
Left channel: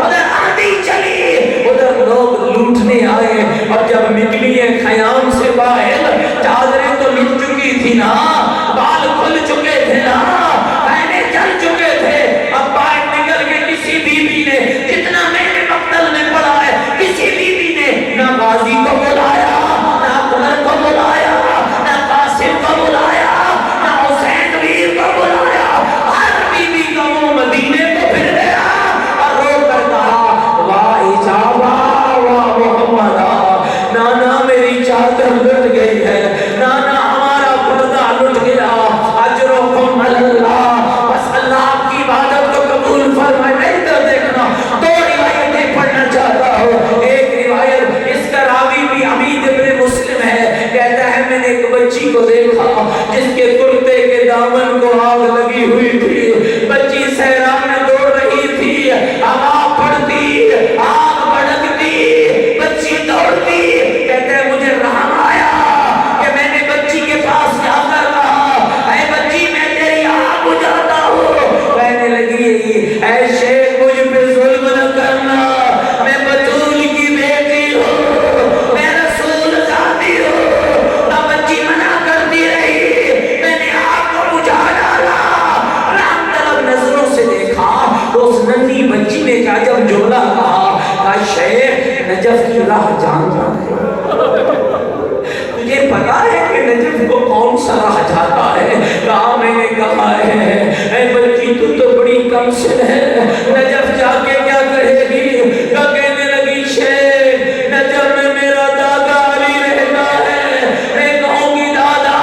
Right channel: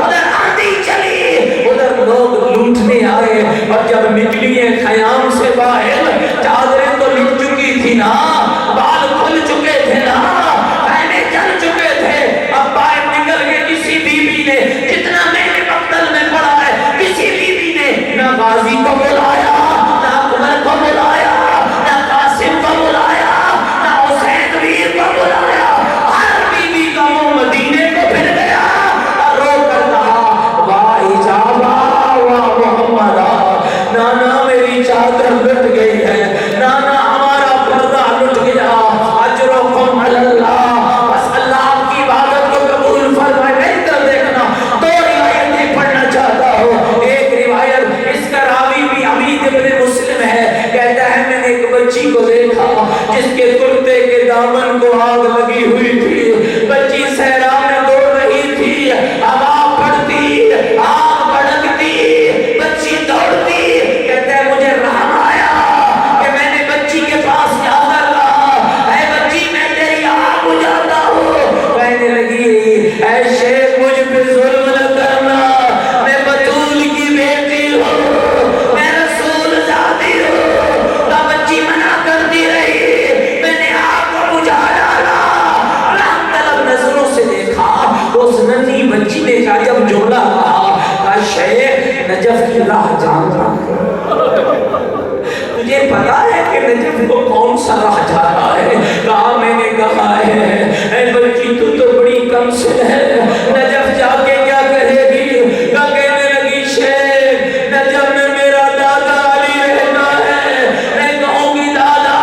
ادھر آندھی چلی، ادھر لوگ لوٹنے آئے، اور جب نکلی خیام سے باہر چادریں تو لٹ چکی تھی نا، بال کھل چکے تھے نا، خیمے چل چکے تھے، اب باہر نکل کے کسی بی بی نے جتنا میں نے مقتل میں پڑا ہے، کسی بی بی نے نہ غازی کو بلایا، نہ اکبر کو بلایا، نہ قاسم کو بلایا، نہ حسین ویر کو بلایا، ہر بی بی کا منہ مدینے کو پھر گیا اور رو کر کہا واہ اجابہ واہ محمدہ، نانا میری چادر لٹ گئی ہے، نانا ہمارا پردہ لٹ گیا، اجرکم علی اللہ، بس اللہ آپ کی عبادت کو قبول فرمائے۔ میں ادھر دیکھنا 2 روایتیں پڑھنا چاہتا ہوں۔ ایک روایت اس کا راوی بھی حمید ابن مسلم ہے، کہتا ہے میں نے ایک بچی کو دیکھا جس کے کرتے کے دامن کو آگ لگی ہوئی تھی، بچی صحرا میں دوڑ رہی تھی، ہوا پڑتی، آگ بھڑکتی، بچی دوڑتی، کہتا ہے مجھے رحم آیا کہ میں نے بچی کے پاس جا کر کہا اے بچی میں تیری آگ بجھاتا ہوں، کہنے لگی اے شیخ مجھ پہ ظلم نہ کرنا، میں بطول کی بیٹی ہوں، میں رسول زادی ہوں، نہ بچی منع کرتی رہی، میں نے آگ کو بجھا ڈالا، رحم طلب نظروں سے دیکھا تو اس ننھی بچی نے کہا جب جملہ کہا شیخ نجف کی راہ جانتا ہے، تجھے پتا ہے کہ نجف کو کون سا راہ جاتا ہے؟ کہا میں نے کہا ہے اے بچی تو بڑی کم سن ہے، نجف جا کے کیا کہے گی؟ کہنے لگی شیخ نجف میں میرا دادا علی رہتا ہے، میں کہوں گی دادا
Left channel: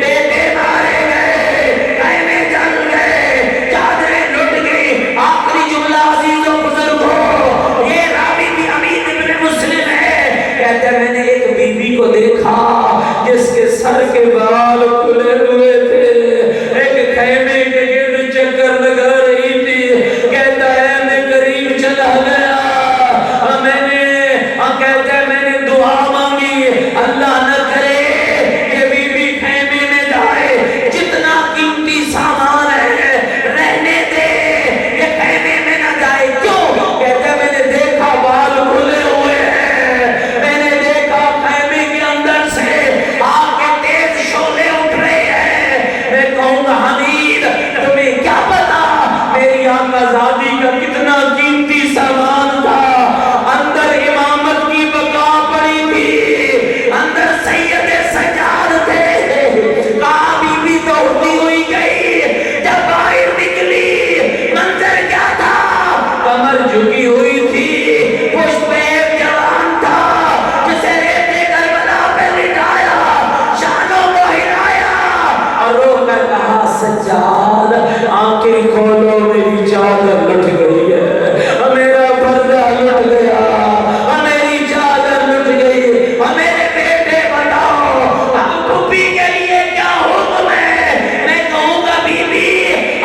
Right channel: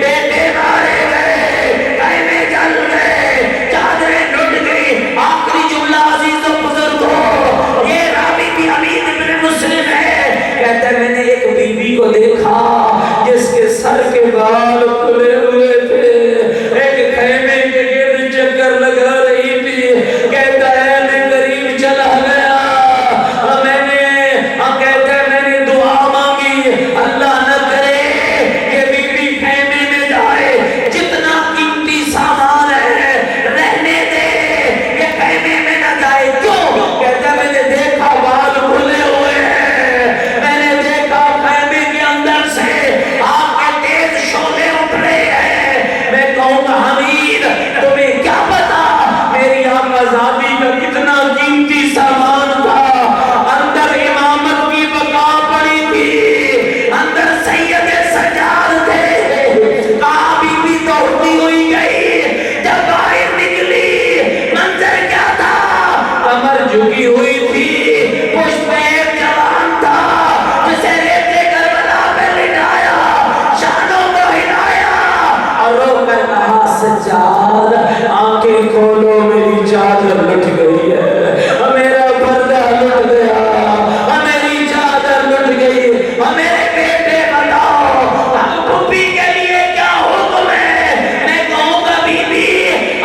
بیٹے مارے گئے، خیمے جل گئے، چادریں لٹ گئی۔ آخری جملہ عزیز و بزرگوں، یہ راوی بھی حمید ابن مسلم ہے، کہتا ہے میں نے ایک بی بی کو دیکھا جس کے سر کے بال کھلے ہوئے تھے، ایک خیمے کے گرد چکر لگا رہی تھی، کہتا ہے میں قریب چلا گیا، کہتا ہے میں نے دعا مانگی اللہ نہ کرے کہ بی بی خیمے میں جائے، جتنا قیمتی سامان ہے رہنے دے، یہ خیمے میں نہ جائے۔ کیوں؟ کہتا ہے میں نے دیکھا بال کھلے ہوئے ہیں، میں نے دیکھا خیمے کے اندر سے آگ کے تیز شعلے اٹھ رہے ہیں، میں کہوں گا حمید تمہیں کیا پتا میری آقا زادی کا کتنا قیمتی سامان تھا، اندر امامت کی بقا پڑی تھی، اندر سید سجاد تھے، کہا بی بی دوڑتی ہوئی گئی، جب باہر نکلی منظر کیا تھا؟ کمر جھکی ہوئی تھی، پشت پہ ایک جوان تھا جسے ریتے کربلا پہ لٹایا، شانوں کو ہلایا اور رو کر کہا سجاد آنکھیں کھولو میری چادر لٹ گئی ہے، میرا پردہ لٹ گیا، میری چادر لٹ گئی، میرے بیٹے بتاؤ اب پھوپھی کے لیے کیا حکم ہے؟ میں کہوں گا بی بی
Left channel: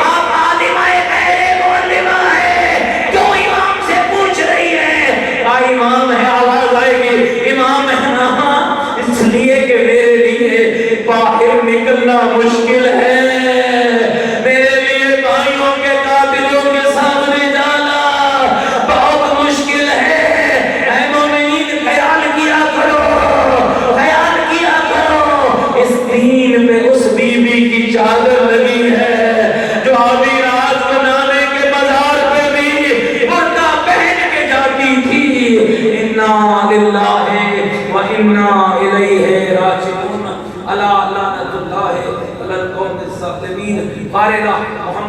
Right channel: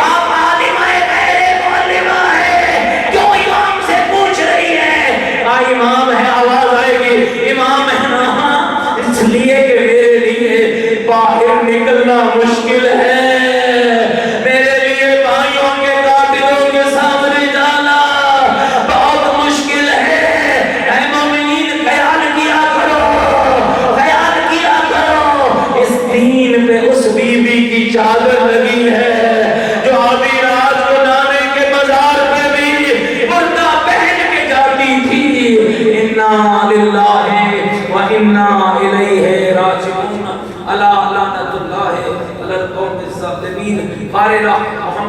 آپ عالمہ غیر معلمہ ہے، کیوں امام سے پوچھ رہی ہے؟ امام ہے، آواز آئے گی امام ہے نا، اس لیے کہ میرے لیے باہر نکلنا مشکل ہے، میرے لیے بھائیوں کے قاتلوں کے سامنے جانا بہت مشکل ہے۔ اے مومنین خیال کیا کرو، خیال کیا کرو، اس دین پہ اس بی بی کی چادر لگی ہے جو آدھی رات کو نانے کے بازار پہ بھی بردہ پہن کے جاتی تھی۔ انا للہ و انا الیہ راجعون، الا لعنت اللہ علی القوم الظالمین۔ بارے محمد